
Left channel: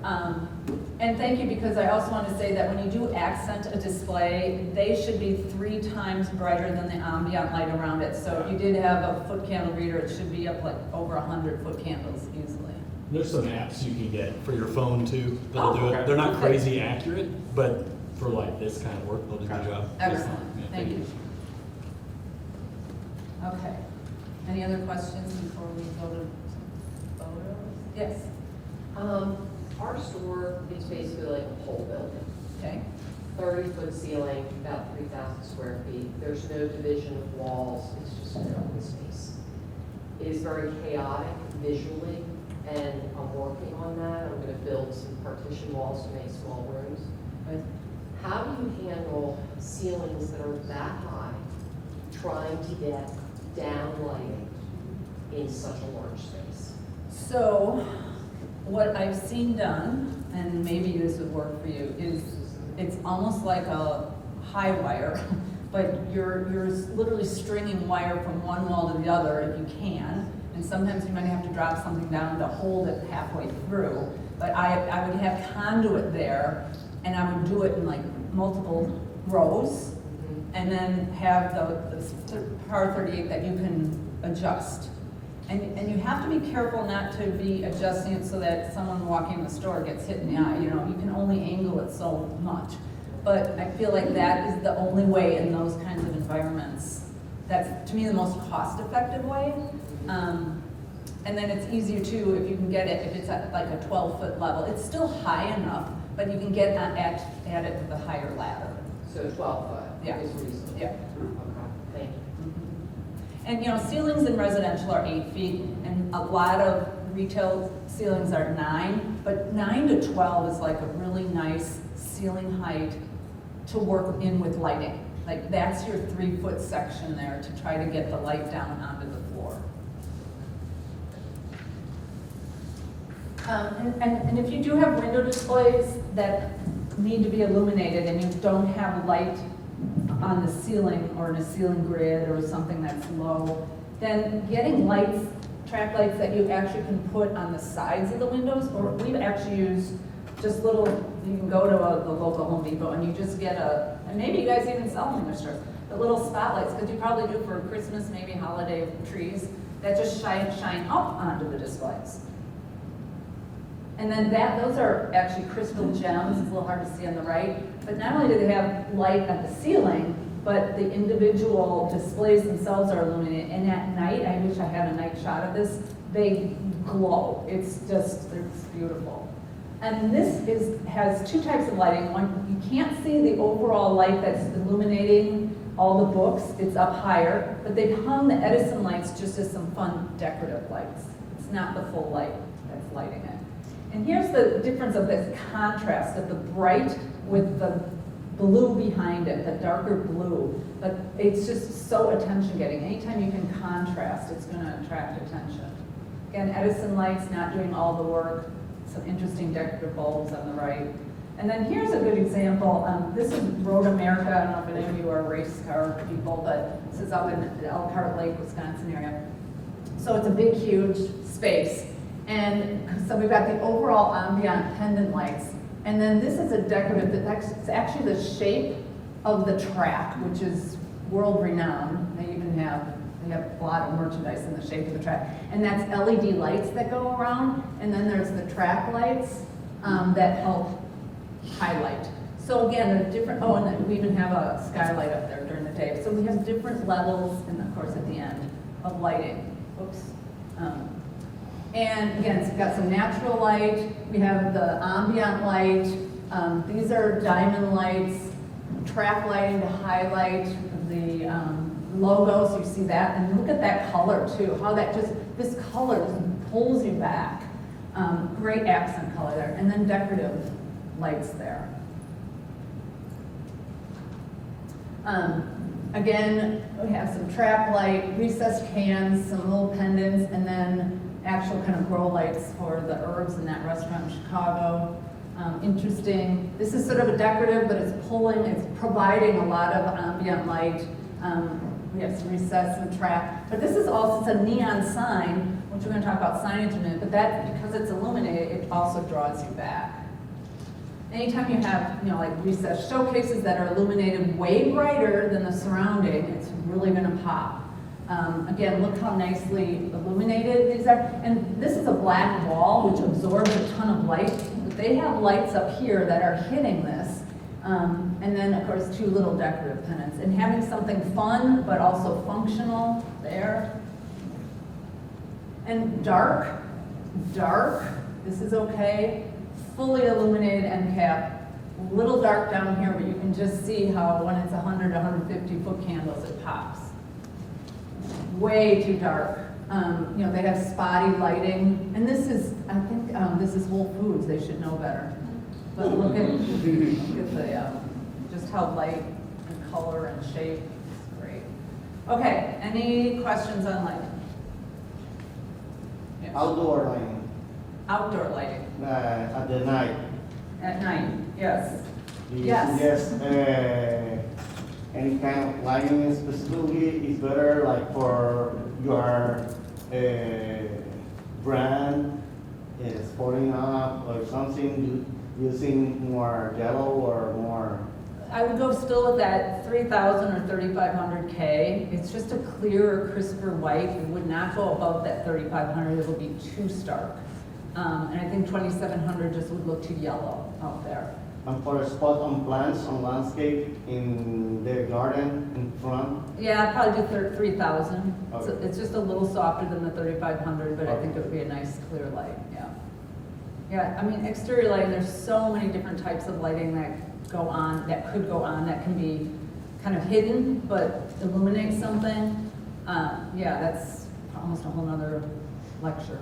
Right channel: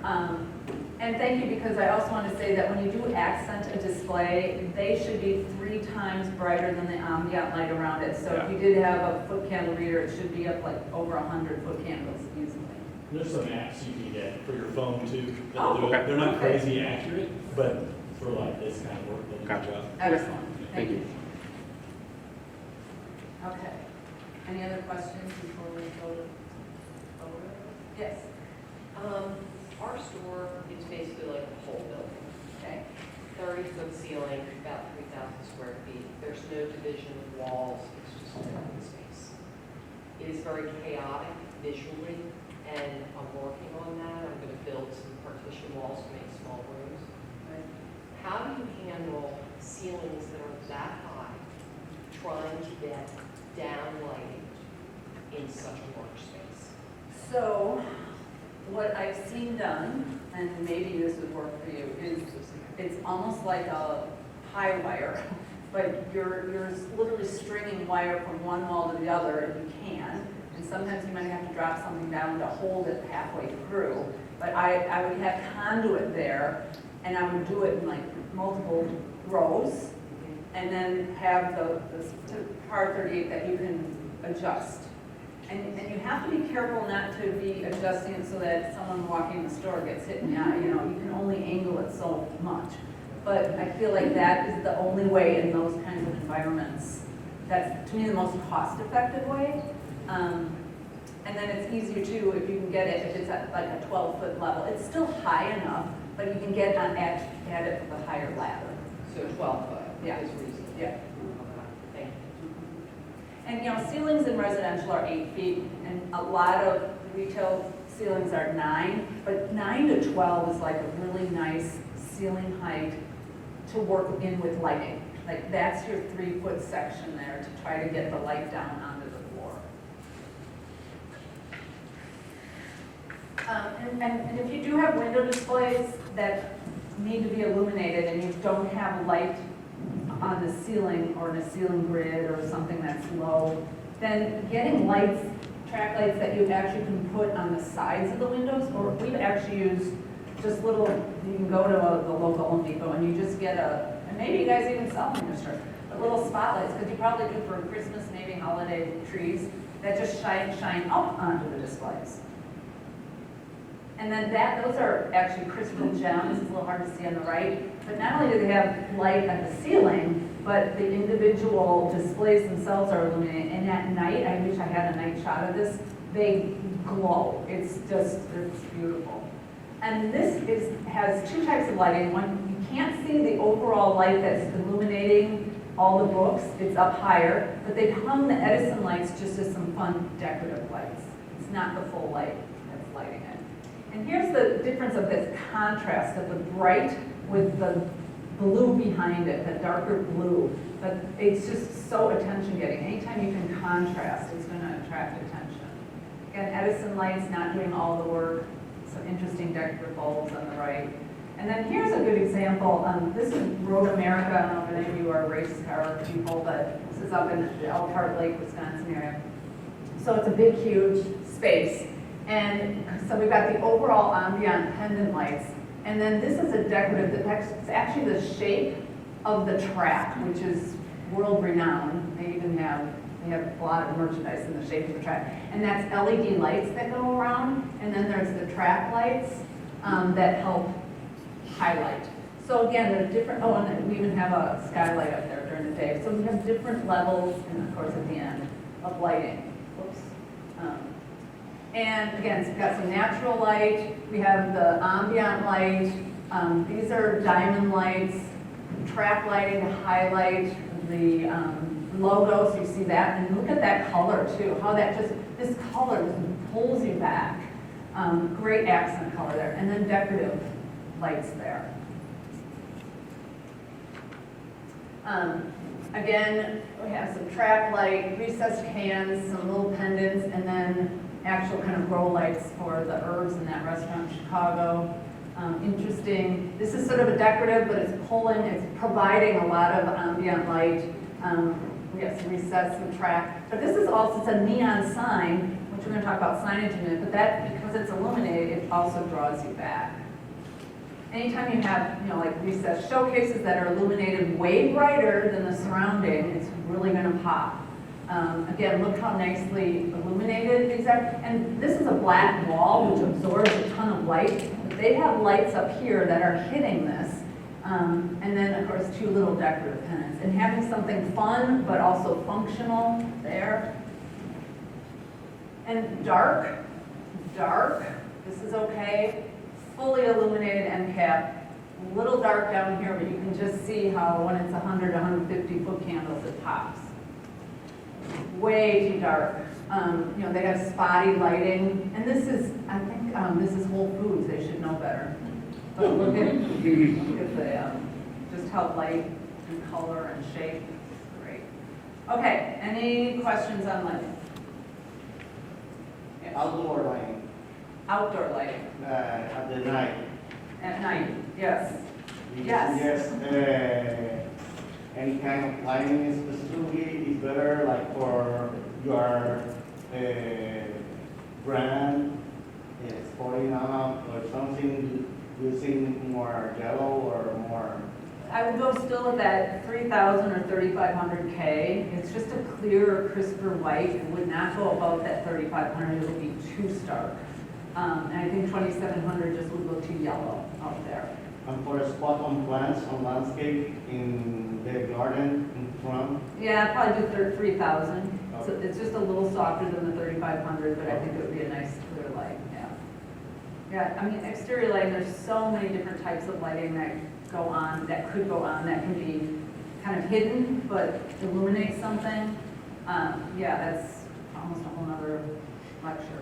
And thank you, because I also want to say that when you do accent a display, they should be 3 times brighter than the ambient light around it. So if you did have a foot candle reader, it should be up like over 100 foot candles easily. There's some apps you can get for your phone too. Oh, That'll do it. okay. They're not Okay. crazy accurate, but for like this kind of work, they'll do Gotcha. the job. Excellent, Yeah, thank you. Okay. Any other questions before we go to photos? Yes, Our store is basically like a whole building, okay. 30-foot ceiling, about 3,000 square feet. There's no division of walls, it's just an open space. It is very chaotic visually, and I'm working on that. I'm gonna build some partition walls to make small rooms. But how do you handle ceilings that are that high, trying to get down lighting in such a large space? So, what I've seen done, and maybe this would work for you, is it's almost like a high wire, but you're literally stringing wire from one wall to the other if you can, and sometimes you might have to drop something down to hold it halfway through. But I would have conduit there, and I would do it in like multiple rows, and then have the par 38 that you can adjust. And you have to be careful not to be adjusting it so that someone walking the store gets hit in the eye. You know, you can only angle it so much. But I feel like that is the only way in those kinds of environments. That's, to me, the most cost-effective way. And then it's easier too if you can get it, if it's at like a 12-foot level. It's still high enough, but you can get at it with a higher ladder. So 12 foot Yeah. is reasonable. Yeah. Okay, thank you. And, you know, ceilings in residential are 8 feet, and a lot of retail ceilings are 9, but 9 to 12 is like a really nice ceiling height to work in with lighting. Like, that's your 3-foot section there to try to get the light down onto the floor. And if you do have window displays that need to be illuminated and you don't have light on the ceiling or in a ceiling grid or something that's low, then getting lights, track lights that you actually can put on the sides of the windows, or we've actually used just little, you can go to a local Home Depot and you just get and maybe you guys even sell them in your store, the little spotlights, because you probably do for Christmas, maybe holiday trees, that just shine up onto the displays. And then those are actually crystal gems, it's a little hard to see on the right, but not only do they have light at the ceiling, but the individual displays themselves are illuminated, and at night, I wish I had a night shot of this, they glow. It's beautiful. And this has two types of lighting. One, you can't see the overall light that's illuminating all the books, it's up higher, but they've hung the Edison lights just as some fun decorative lights. It's not the full light that's lighting it. And here's the difference of this contrast of the bright with the blue behind it, the darker blue. But it's just so attention-getting. Anytime you can contrast, it's going to attract attention. Again, Edison lights not doing all the work. Some interesting decorative bulbs on the right. And then here's a good example. This is Road America. I don't know if any of you are race car people, but this is up in the Elkhart Lake, Wisconsin area. So it's a big, huge space. And so we've got the overall ambient pendant lights. And then this is a decorative, it's actually the shape of the track, which is world-renowned. They have a lot of merchandise in the shape of the track. And that's LED lights that go around. And then there's the track lights that help highlight. So again, there's different, and then we even have a skylight up there during the day. So we have different levels, and of course at the end, of lighting. Oops. And again, so we've got some natural light. We have the ambient light. These are diamond lights, track lighting to highlight the logos. You see that, and look at that color too. How this color just pulls you back. Great accent color there, and then decorative lights there. Again, we have some track light, recessed cans, some little pendants, and then actual kind of grow lights for the herbs in that restaurant in Chicago. Interesting. This is sort of a decorative, but it's providing a lot of ambient light. We have some recessed, some track. But this is also, it's a neon sign, which we're going to talk about signage in a minute, but that, because it's illuminated, it also draws you back. Anytime you have, like recessed showcases that are illuminated way brighter than the surrounding, it's really going to pop. Again, look how nicely illuminated these are. And this is a black wall, which absorbs a ton of light. But they have lights up here that are hitting this. And then, of course, two little decorative pennants. And having something fun, but also functional there. And dark, this is okay. Fully illuminated end cap. A little dark down here, but you can just see how when it's 100, 150 foot candles, it pops. Way too dark. They have spotty lighting, and this is, I think, this is Whole Foods. They should know better. But look at the, just how light and color and shape. It's great. Okay. Any questions on lighting? Yeah. Outdoor lighting. Outdoor lighting. At the night. At night. Yes. Yes. Yes. Any kind of lighting specifically is better, like for your brand is sporting up or something, using more yellow or more. I would go still with that 3,000 or 3,500 K. It's just a clearer, crisper white. It would not go above that 3,500. It would be too stark. And I think 2,700 just would look too yellow out there. And for a spot on plants, on landscape, in the garden, in front. Yeah, I'd probably do 3,000. Okay. So it's just a little softer than the 3,500, but I think it would be a nice clear light, yeah. Yeah, I mean, exterior lighting, there's so many different types of lighting that go on, that could go on, that can be kind of hidden, but illuminate something. Yeah, that's almost a whole nother lecture.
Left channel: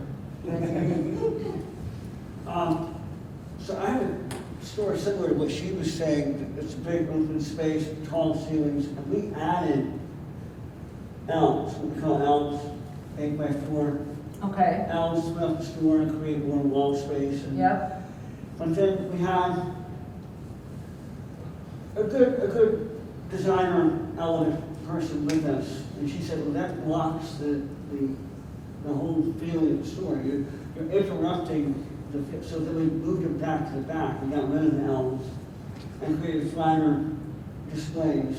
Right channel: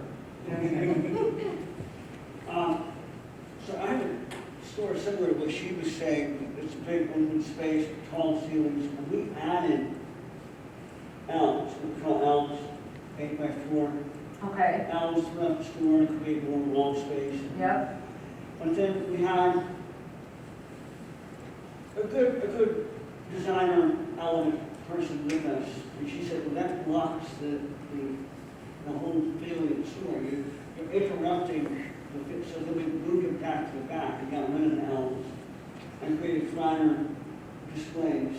So I have a story similar to what she was saying. It's a big open space, tall ceilings. We added L's, we call L's 8x4. Okay, L's throughout the store and create more wall space. And yep, And then we had a good designer, elegant person with us, and she said, well, that blocks the whole feeling of the store. You're interrupting so that we moved it back to the back, and got rid of the elms, and created flatter displays.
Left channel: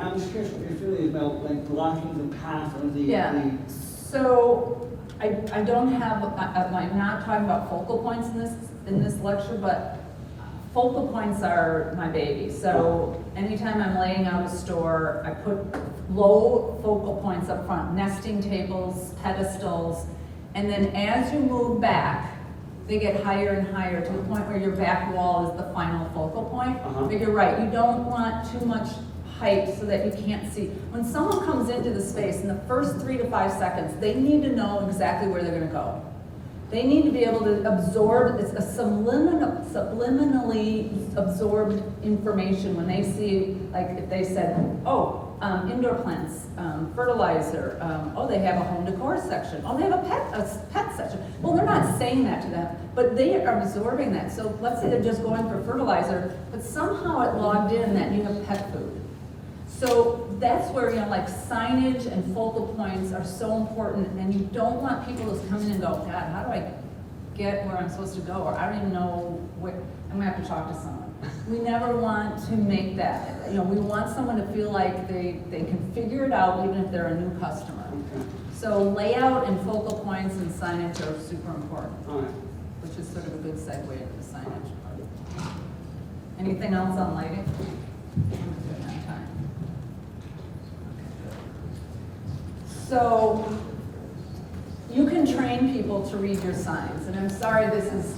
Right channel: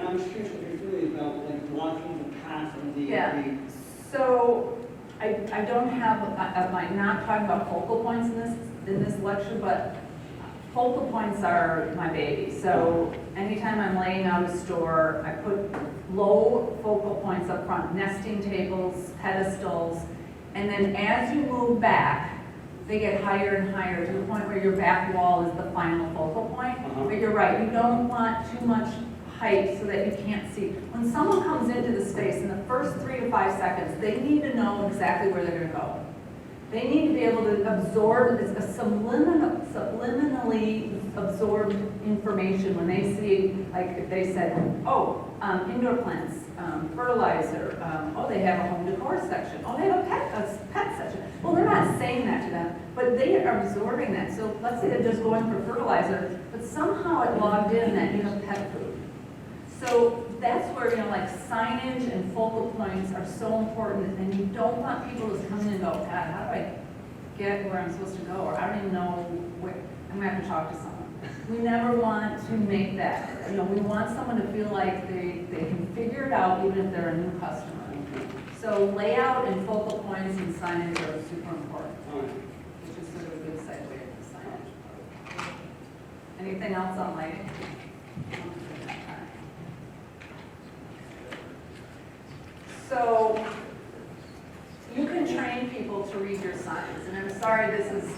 I'm just curious what you're feeling about, like, blocking the path of the. Yeah. So I don't have, I'm not talking about focal points in this lecture, but focal points are my baby. So anytime I'm laying out a store, I put low focal points up front, nesting tables, pedestals, and then as you move back, they get higher and higher to the point where your back wall is the final focal point. But you're right, you don't want too much height so that you can't see. When someone comes into the space in the first 3 to 5 seconds, they need to know exactly where they're going to go. They need to be able to absorb, it's a subliminally absorbed information when they see, like if they said, oh, indoor plants, fertilizer, oh, they have a home decor section, oh, they have a pet section. Well, they're not saying that to them, but they are absorbing that. So let's say they're just going for fertilizer, but somehow it logged in that you have pet food. So that's where, like signage and focal points are so important, and you don't want people to come in and go, God, how do I get where I'm supposed to go? Or I don't even know where, I'm gonna have to talk to someone. We never want to make that, we want someone to feel like they can figure it out even if they're a new customer. So layout and focal points and signage are super important, which is sort of a good segue to the signage. Anything else on lighting? So you can train people to read your signs, and I'm sorry,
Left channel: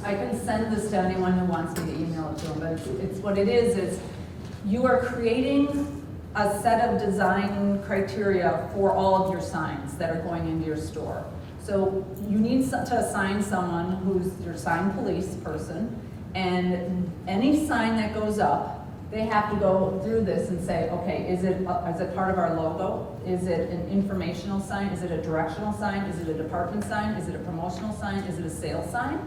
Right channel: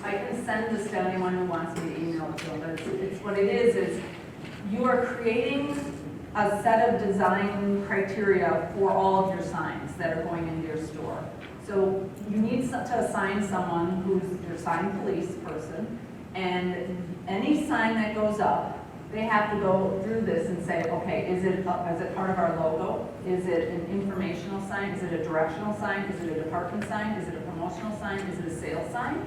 I can send this to anyone who wants me to email it to them, but it's what it is you are creating a set of design criteria for all of your signs that are going into your store. So you need to assign someone who's your sign police person, and any sign that goes up, they have to go through this and say, okay, is it part of our logo? Is it an informational sign? Is it a directional sign? Is it a department sign? Is it a promotional sign? Is it a sales sign?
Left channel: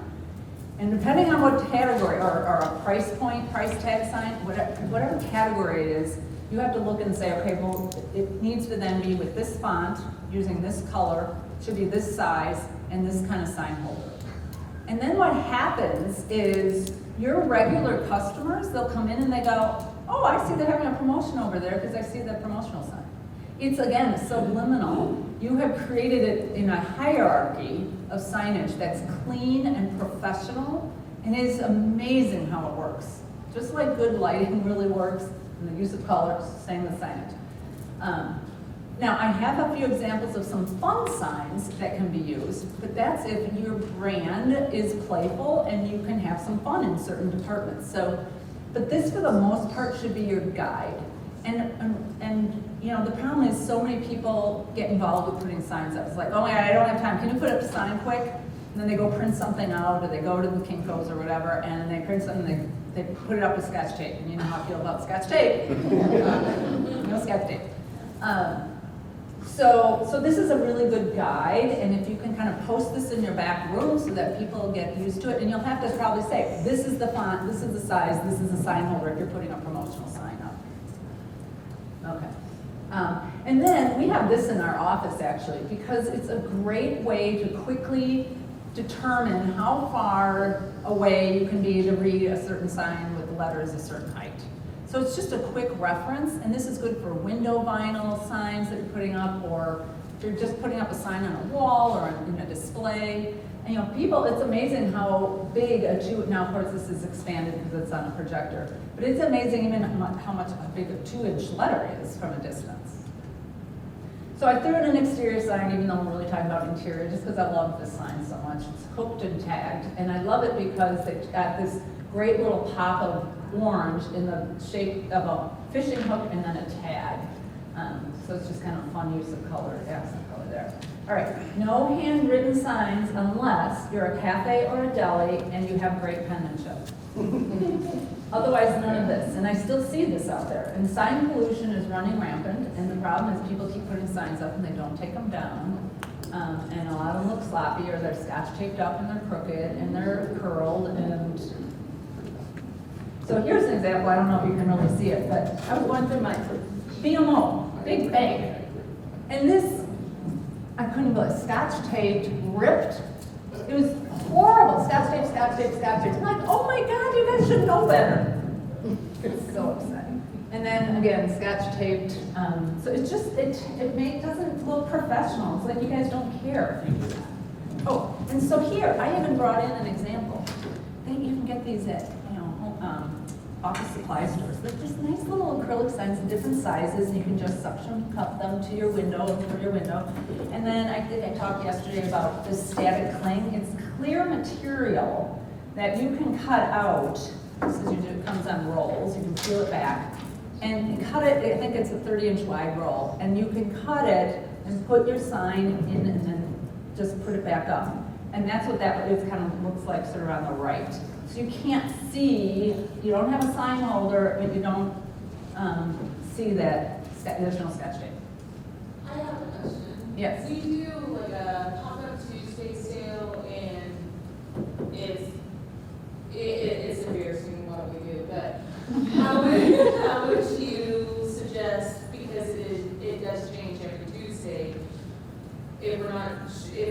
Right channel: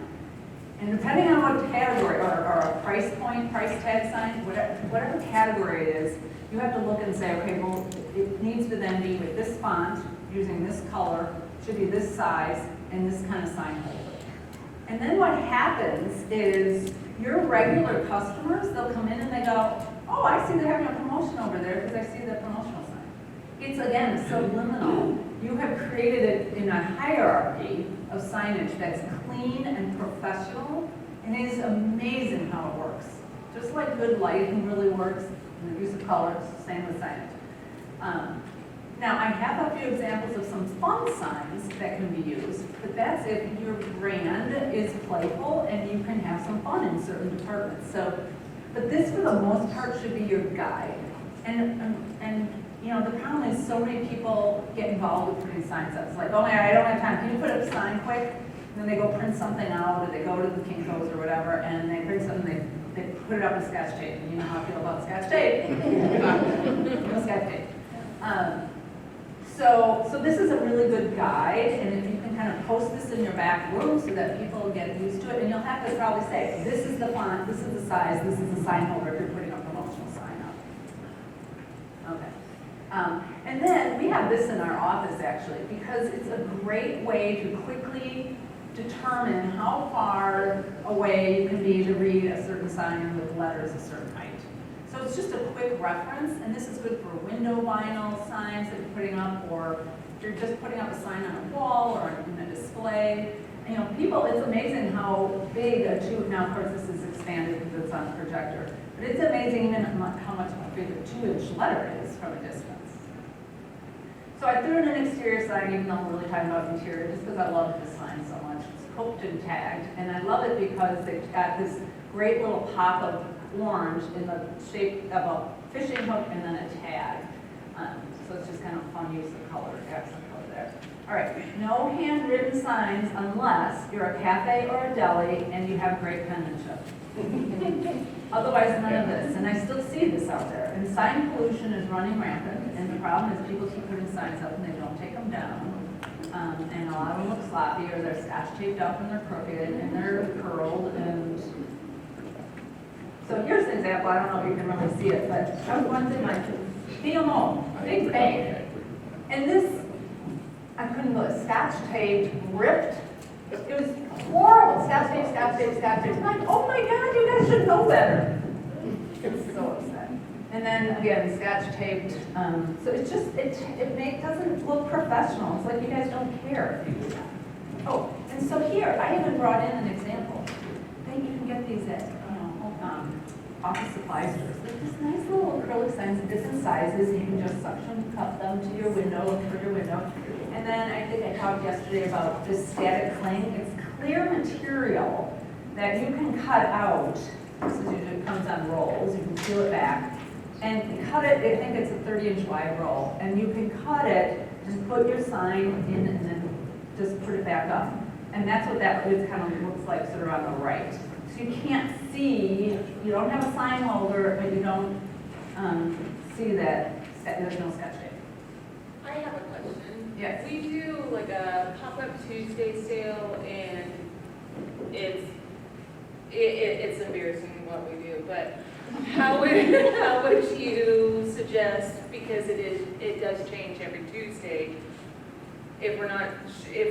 And depending on what category, or a price point, price tag sign, whatever category it is, you have to look and say, okay, well, it needs to then be with this font, using this color, should be this size, and this kind of sign holder. And then what happens is your regular customers, they'll come in and they go, oh, I see they're having a promotion over there because I see the promotional sign. It's, again, subliminal. You have created it in a hierarchy of signage that's clean and professional, and it is amazing how it works. Just like good lighting really works, and the use of colors, same with signage. Now, I have a few examples of some fun signs that can be used, but that's if your brand is playful and you can have some fun in certain departments. So, but this, for the most part, should be your guide. And the problem is so many people get involved with putting signs up. It's like, oh, I don't have time. Can you put up a sign quick? And then they go print something out, or they go to the Kinko's or whatever, and they print something, they put it up with Scotch tape. And you know how I feel about Scotch tape. No Scotch tape. So this is a really good guide, and if you can kind of post this in your back room so that people get used to it, and you'll have to probably say, this is the font, this is the size, this is the sign holder if you're putting a promotional sign up. Okay. And then we have this in our office actually, because it's a great way to quickly determine how far away you can be to read a certain sign with letters a certain height. So it's just a quick reference, and this is good for window vinyl signs that you're putting up, or if you're just putting up a sign on a wall or in a display. And people, it's amazing how big now of course this is expanded because it's on a projector, but it's amazing even how much big a 2-inch letter is from a distance. So I threw in an exterior sign, even though I'm really talking about interior, just because I love this sign so much. It's hooked and tagged, and I love it because it's got this great little pop of orange in the shape of a fishing hook and then a tag. So it's just kind of fun use of color, accent color there. All right, no handwritten signs unless you're a cafe or a deli and you have great penmanship. Otherwise, none of this. And I still see this out there. And sign pollution is running rampant, and the problem is people keep putting signs up and they don't take them down. And a lot of them look sloppy, or they're Scotch taped up and they're crooked and they're curled. And so here's an example. I don't know if you can really see it, but I was going through my BMO, big bag. And this, I couldn't believe it, Scotch taped, ripped, It was horrible, scotch tape, scotch tape, scotch tape. I'm like, oh my God, you guys should know better. It's so upsetting. And then again, scotch taped, so it's just, doesn't look professional. It's like you guys don't care. Oh, and so here, I even brought in an example. Then you can get these at, office supply stores. They're just nice little acrylic signs in different sizes, and you can just suction cup them to your window, for your window. And then I think I talked yesterday about this static cling. It's clear material that you can cut out. This is usually, it comes on rolls. You can peel it back and cut it. I think it's a 30-inch wide roll, and you can cut it and put your sign in, and then just put it back up. And that's what that is, kind of looks like, sort of on the right. So you can't see. You don't have a sign holder, but you don't see that there's no sketch tape. I have a question. Yes. We do like a pop-up Tuesday sale, and it's embarrassing what we do, but how would you suggest, because it does change every Tuesday, if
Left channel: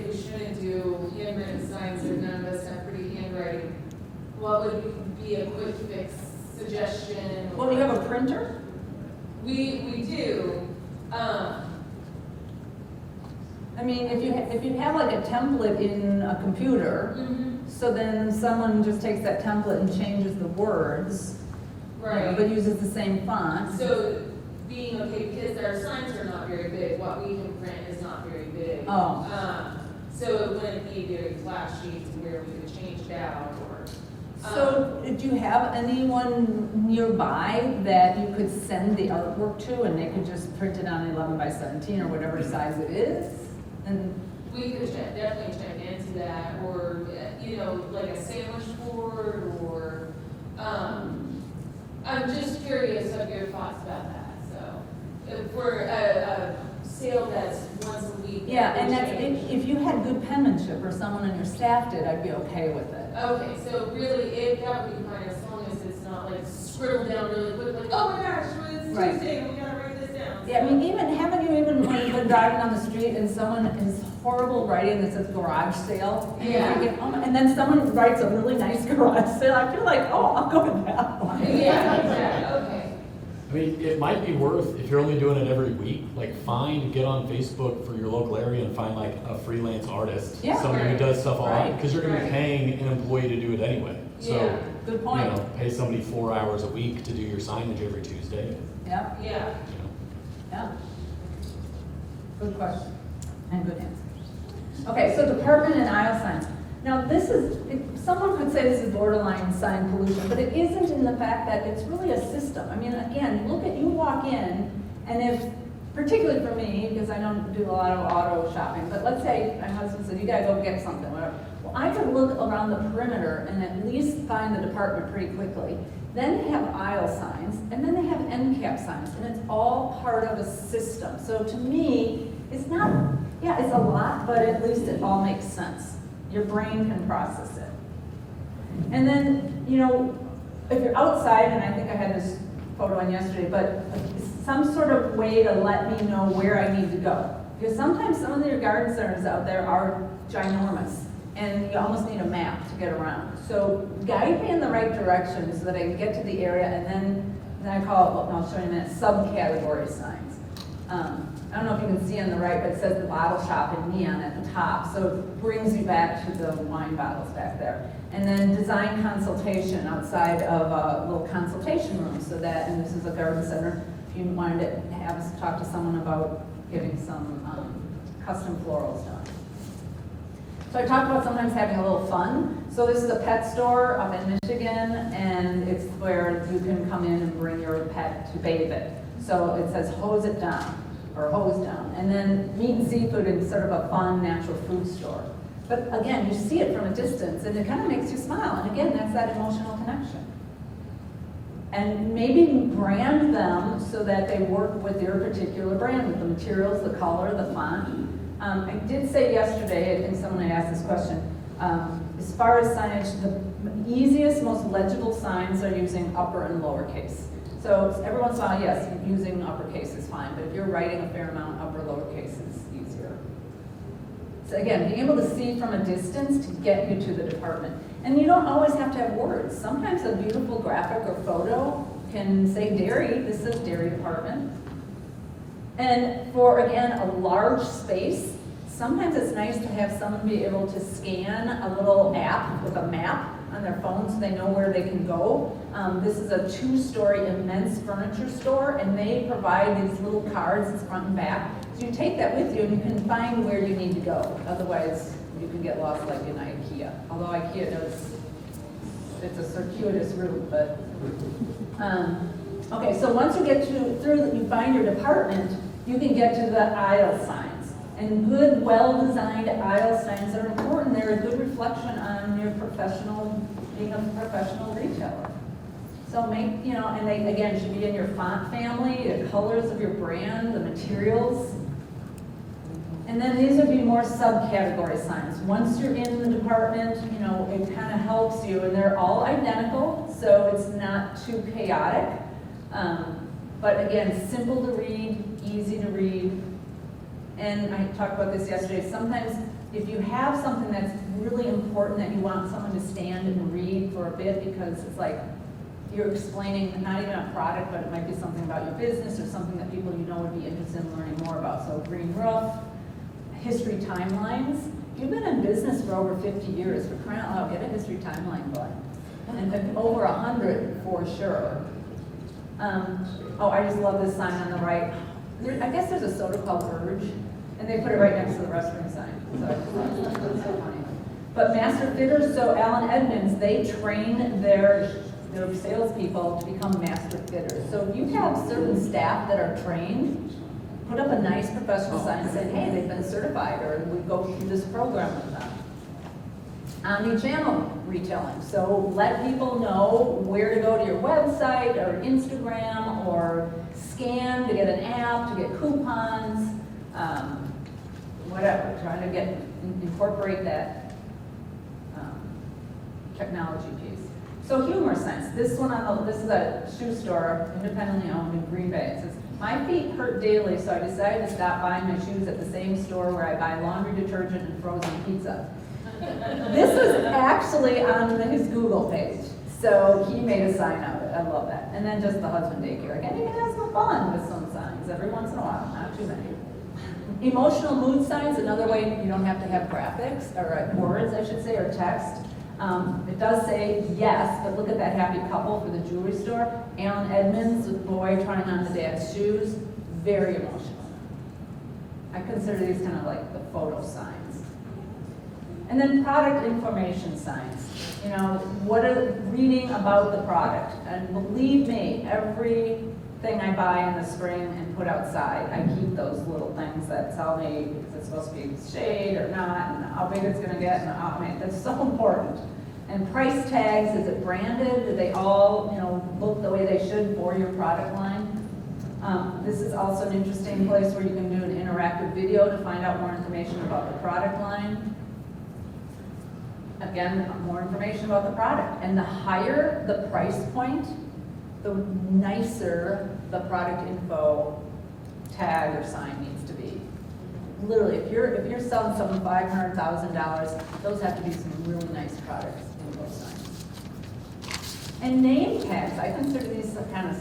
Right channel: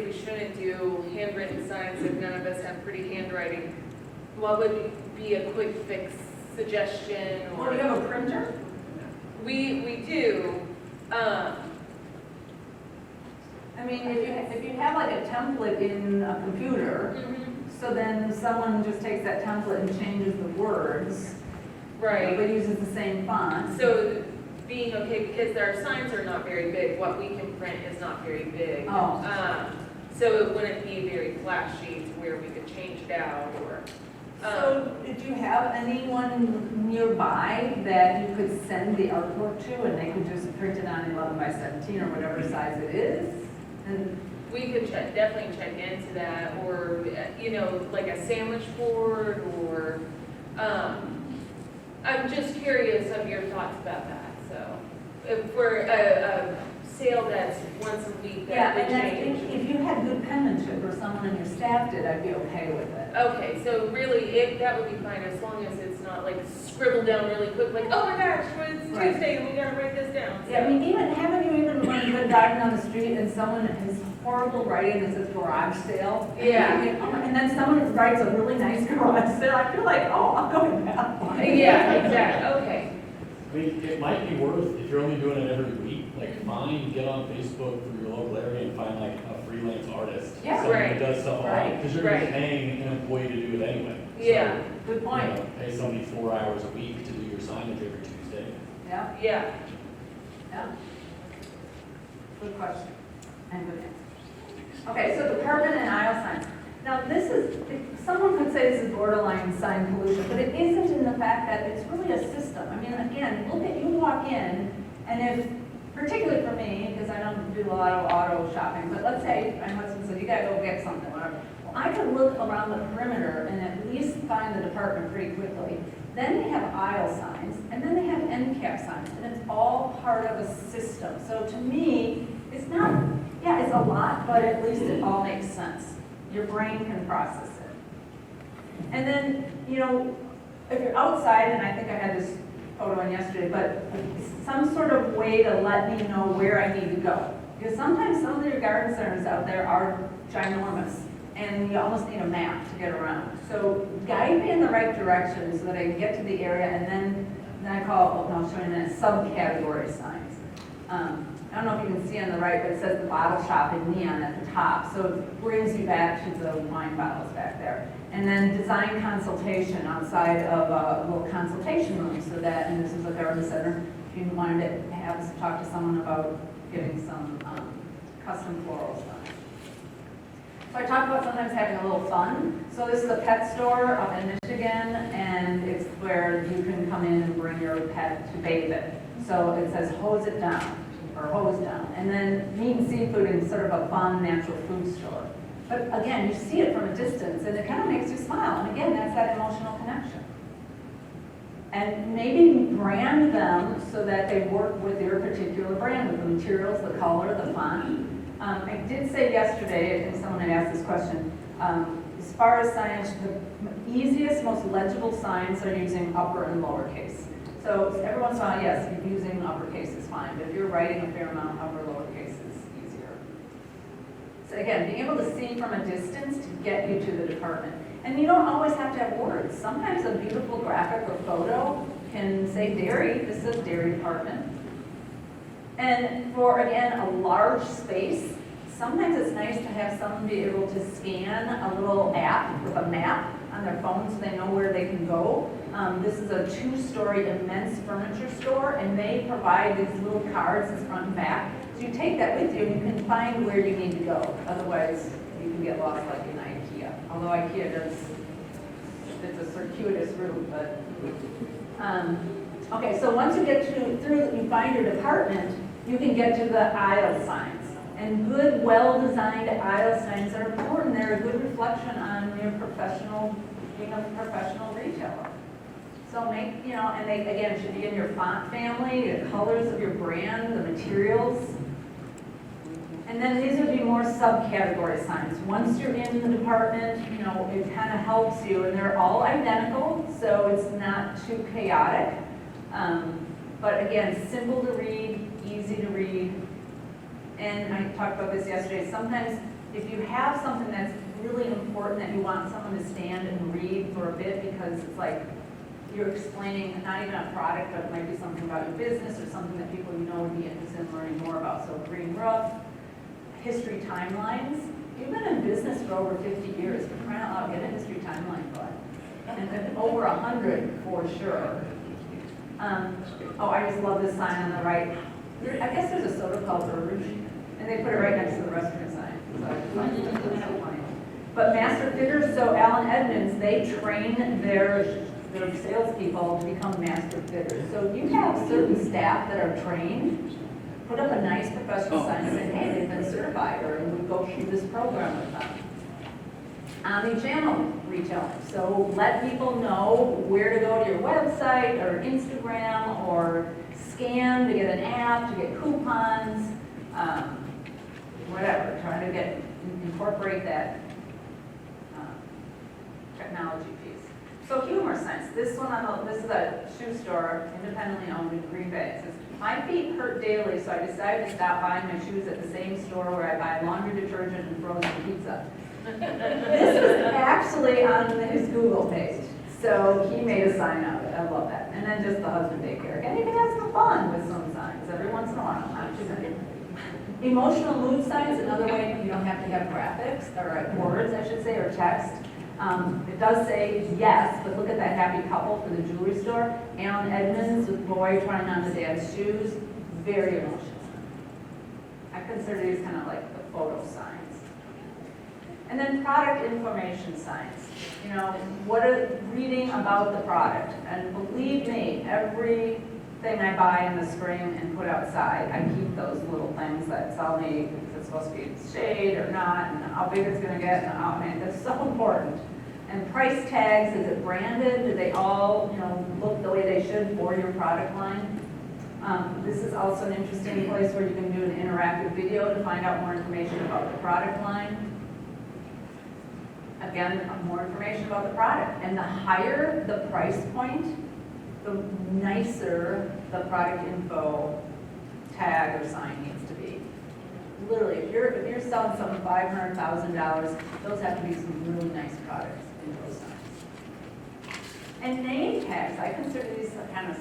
we shouldn't do handwritten signs, if none of us have pretty handwriting, what would be a quick fix suggestion? Well, do you have a printer? We do. I mean, if you have like a template in a computer, so then someone just takes that template and changes the words, Right. but uses the same font. So being okay, because our signs are not very big, what we can print is not very big. Oh. So it wouldn't be very flashy to where we could change it out or. So did you have anyone nearby that you could send the artwork to, and they could just print it on 11 by 17 or whatever size it is? And We could definitely check into that, or, like a sandwich board, or, I'm just curious of your thoughts about that, so. If for a sale that's once a week, yeah, that and would that's, change. if you had good penmanship or someone on your staff did, I'd be okay with it. Okay, so really, that would be fine as long as it's not like scribbled down really quick, like, oh my gosh, it's Right. Tuesday, and we gotta write this down. Yeah, I mean, haven't you even when you've been driving down the street and someone is horrible writing that says garage sale? And Yeah. you think, oh my- and then someone writes a really nice garage sale, I feel like, oh, I'll go with that one. Yeah, exactly, okay. I mean, it might be worth, if you're only doing it every week, like get on Facebook for your local area and find like a freelance artist. Yeah, Someone right. who does stuff online, Right, because you're gonna be right. paying an employee to do it anyway. Yeah. Good So, point. pay somebody 4 hours a week to do your signage every Tuesday. Yeah, Yeah. yeah. Good question and good answer. Okay, so department and aisle signs. Now this is, someone could say this is borderline sign pollution, but it isn't in the fact that it's really a system. I mean, again, you walk in, and if, particularly for me, because I don't do a lot of auto shopping, but let's say my husband said, you gotta go get something, whatever. Well, I could look around the perimeter and at least find the department pretty quickly. Then they have aisle signs, and then they have end cap signs, and it's all part of a system. So to me, it's not, yeah, it's a lot, but at least it all makes sense. Your brain can process it. And then, if you're outside, and I think I had this photo in yesterday, but some sort of way to let me know where I need to go. Because sometimes some of your garden centers out there are ginormous, and you almost need a map to get around. So guide me in the right direction so that I can get to the area, and then I call, I'll show you in a minute, subcategory signs. I don't know if you can see on the right, but it says the bottle shop in neon at the top, so it brings you back to the wine bottles back there. And then design consultation outside of a little consultation room, so that, and this is a garden center, if you wanted to talk to someone about getting some custom florals done. So I talked about sometimes having a little fun. So this is a pet store up in Michigan, and it's where you can come in and bring your pet to bathe it. So it says hose it down, or hose down. And then meat and seafood is sort of a fun natural food store. But again, you see it from a distance, and it kind of makes you smile. And again, that's that emotional connection. And maybe brand them so that they work with your particular brand, with the materials, the color, the font. I did say yesterday, I think someone had asked this question, as far as signage, the easiest, most legible signs are using upper and lowercase. So every once in a while, yes, using uppercase is fine, but if you're writing a fair amount, upper, lowercase is easier. So again, being able to see from a distance to get you to the department. And you don't always have to have words. Sometimes a beautiful graphic or photo can say dairy, this says dairy department. And for, again, a large space, sometimes it's nice to have someone be able to scan a little app with a map on their phone so they know where they can go. This is a 2-story immense furniture store, and they provide these little cards, it's front and back. So you take that with you and you can find where you need to go. Otherwise, you could get lost like in IKEA. Although IKEA it's a circuitous route, but. Okay, so once you get through, you find your department, you can get to the aisle signs. And good, well-designed aisle signs are important. They're a good reflection on your being a professional retailer. So make, and they, again, should be in your font family, the colors of your brand, the materials. And then these would be more subcategory signs. Once you're in the department, it kind of helps you, and they're all identical, so it's not too chaotic. But again, simple to read, easy to read. And I talked about this yesterday. Sometimes if you have something that's really important that you want someone to stand and read for a bit because it's like you're explaining not even a product, but it might be something about your business or something that people would be interested in learning more about. So green roof, history timelines. If you've been in business for over 50 years, for crying out loud, get a history timeline going. And then over 100 for sure. I just love this sign on the right. I guess there's a soda called Urge, and they put it right next to the restaurant sign. So I just find that's so funny. But master fitters, so Allen Edmonds, they train their salespeople to become master fitters. So if you have certain staff that are trained, put up a nice professional sign saying, hey, they've been certified, or we go through this program with them. Omnichannel retailing. So let people know where to go to your website or Instagram or scan to get an app, to get coupons, whatever. Trying to incorporate that technology piece. So humor signs. This is a shoe store, independently owned in Green Bay. It says, my feet hurt daily, so I decided to stop buying my shoes at the same store where I buy laundry detergent and frozen pizza. This is actually on his Google page. So he made a sign of it. I love that. And then just the husband daycare. And you can have some fun with some signs every once in a while, not too many. Emotional mood signs, another way you don't have to have graphics, or words, I should say, or text. It does say yes, but look at that happy couple for the jewelry store. Allen Edmonds, with boy trying on the dad's shoes. Very emotional. I consider these kind of like the photo signs. And then product information signs. Reading about the product. And believe me, everything I buy in the spring and put outside, I keep those little things that tell me if it's supposed to be shade or not, and how big it's going to get, and it's so important. And price tags, is it branded? Do they all, look the way they should for your product line? This is also an interesting place where you can do an interactive video to find out more information about the product line. Again, more information about the product. And the higher the price point, the nicer the product info tag or sign needs to be. Literally, if you're selling something $500,000, those have to be some really nice products in those signs. And name tags, I consider these kind of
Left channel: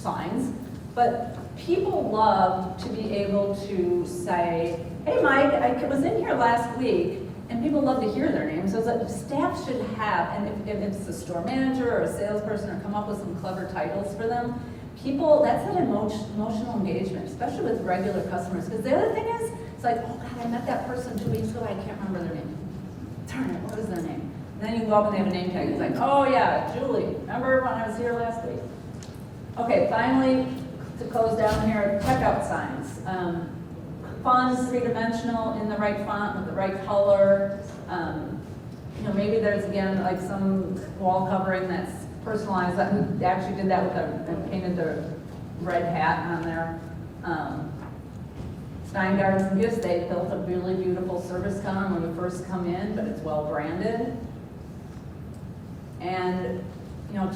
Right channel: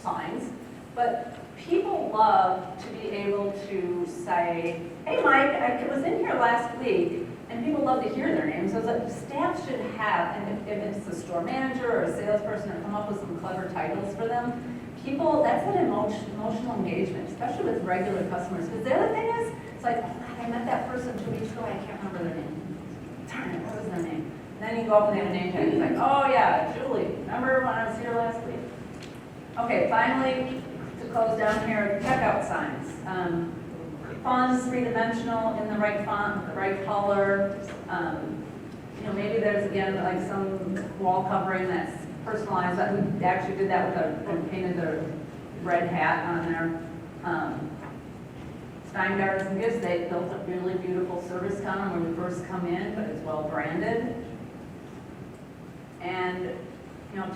signs, but people love to be able to say, hey Mike, I was in here last week, and people love to hear their names. So staff should have, and if it's a store manager or a salesperson, or come up with some clever titles for them. People, that's an emotional engagement, especially with regular customers. Because the other thing is, it's like, oh God, I met that person 2 weeks ago, I can't remember their name. Darn it, what is their name? And then you go up and they have a name tag. It's like, oh yeah, Julie. Remember when I was here last week? Okay, finally, to close down here, checkout signs. Fonts, three-dimensional, in the right font, with the right color. Maybe there's, again, like some wall covering that's personalized. We actually did that with painted the red hat on there. Steingard's and Gifts, they built a really beautiful service counter when you first come in, but it's well branded. And,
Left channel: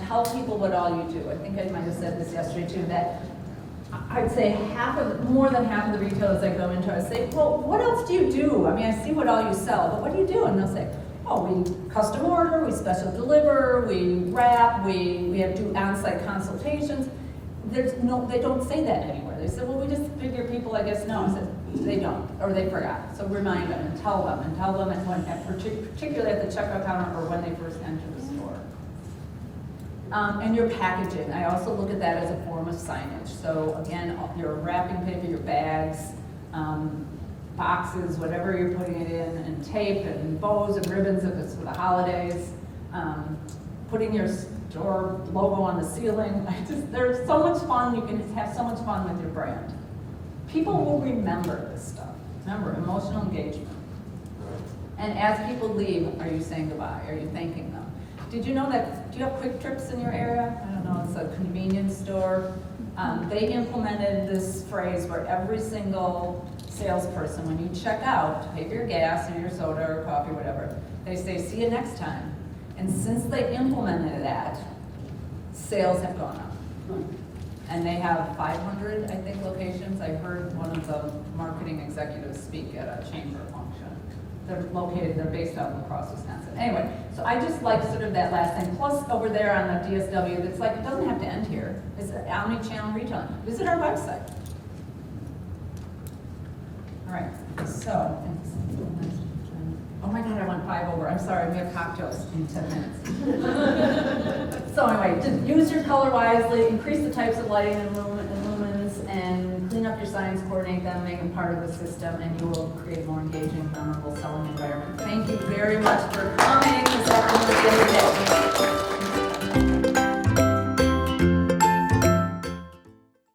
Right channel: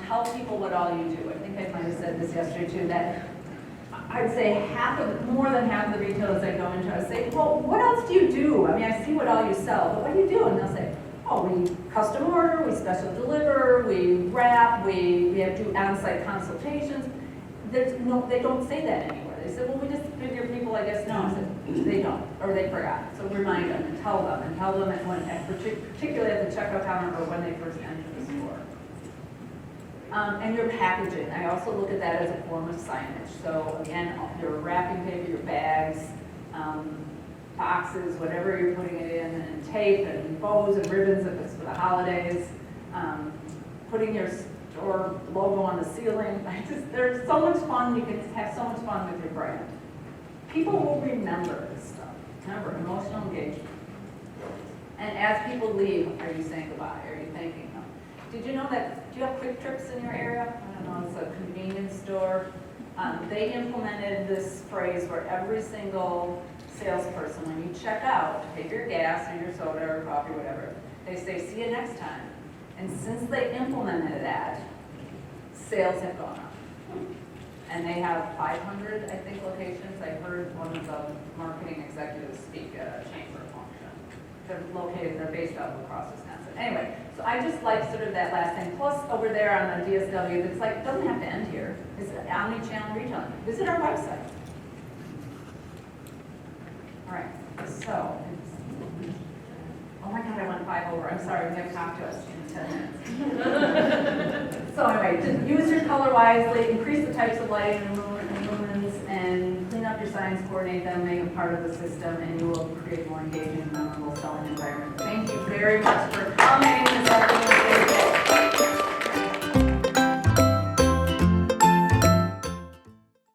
tell people what all you do. I think I might have said this yesterday too, that I'd say more than half of the retailers that go into, I say, well, what else do you do? I mean, I see what all you sell, but what do you do? And they'll say, oh, we custom order, we special deliver, we wrap, we have to do on-site consultations. There's no, they don't say that anywhere. They said, well, we just figure people, I guess, know. I said, they don't, or they forgot. So remind them and tell them, and when, particularly at the checkout counter or when they first enter the store. And your packaging, I also look at that as a form of signage. So again, your wrapping paper, your bags, boxes, whatever you're putting it in, and tape and bows and ribbons if it's for the holidays, putting your store logo on the ceiling. There's so much fun, you can just have so much fun with your brand. People will remember this stuff. Remember, emotional engagement. And as people leave, are you saying goodbye? Are you thanking them? Did you know that, do you have Quick Trips in your area? I don't know, it's a convenience store. They implemented this phrase where every single salesperson, when you check out, to pay for your gas or your soda or coffee, whatever, they say, see you next time. And since they implemented that, sales have gone up. And they have 500, I think, locations. I heard one of the marketing executives speak at a chamber function. They're based out of La Crosse, Wisconsin. Anyway, so I just like sort of that last thing. Plus over there on the DSW, it's like, it doesn't have to end here. It's an omni-channel retail. Visit our website. All right, so, oh my God, I went 5 over. I'm sorry, we have cocktails in 10 minutes. So anyway, just use your color wisely, increase the types of lighting and lumens, and clean up your signs, coordinate them, make them part of the system, and you will create a more engaging, memorable selling environment. Thank you very much for coming this afternoon.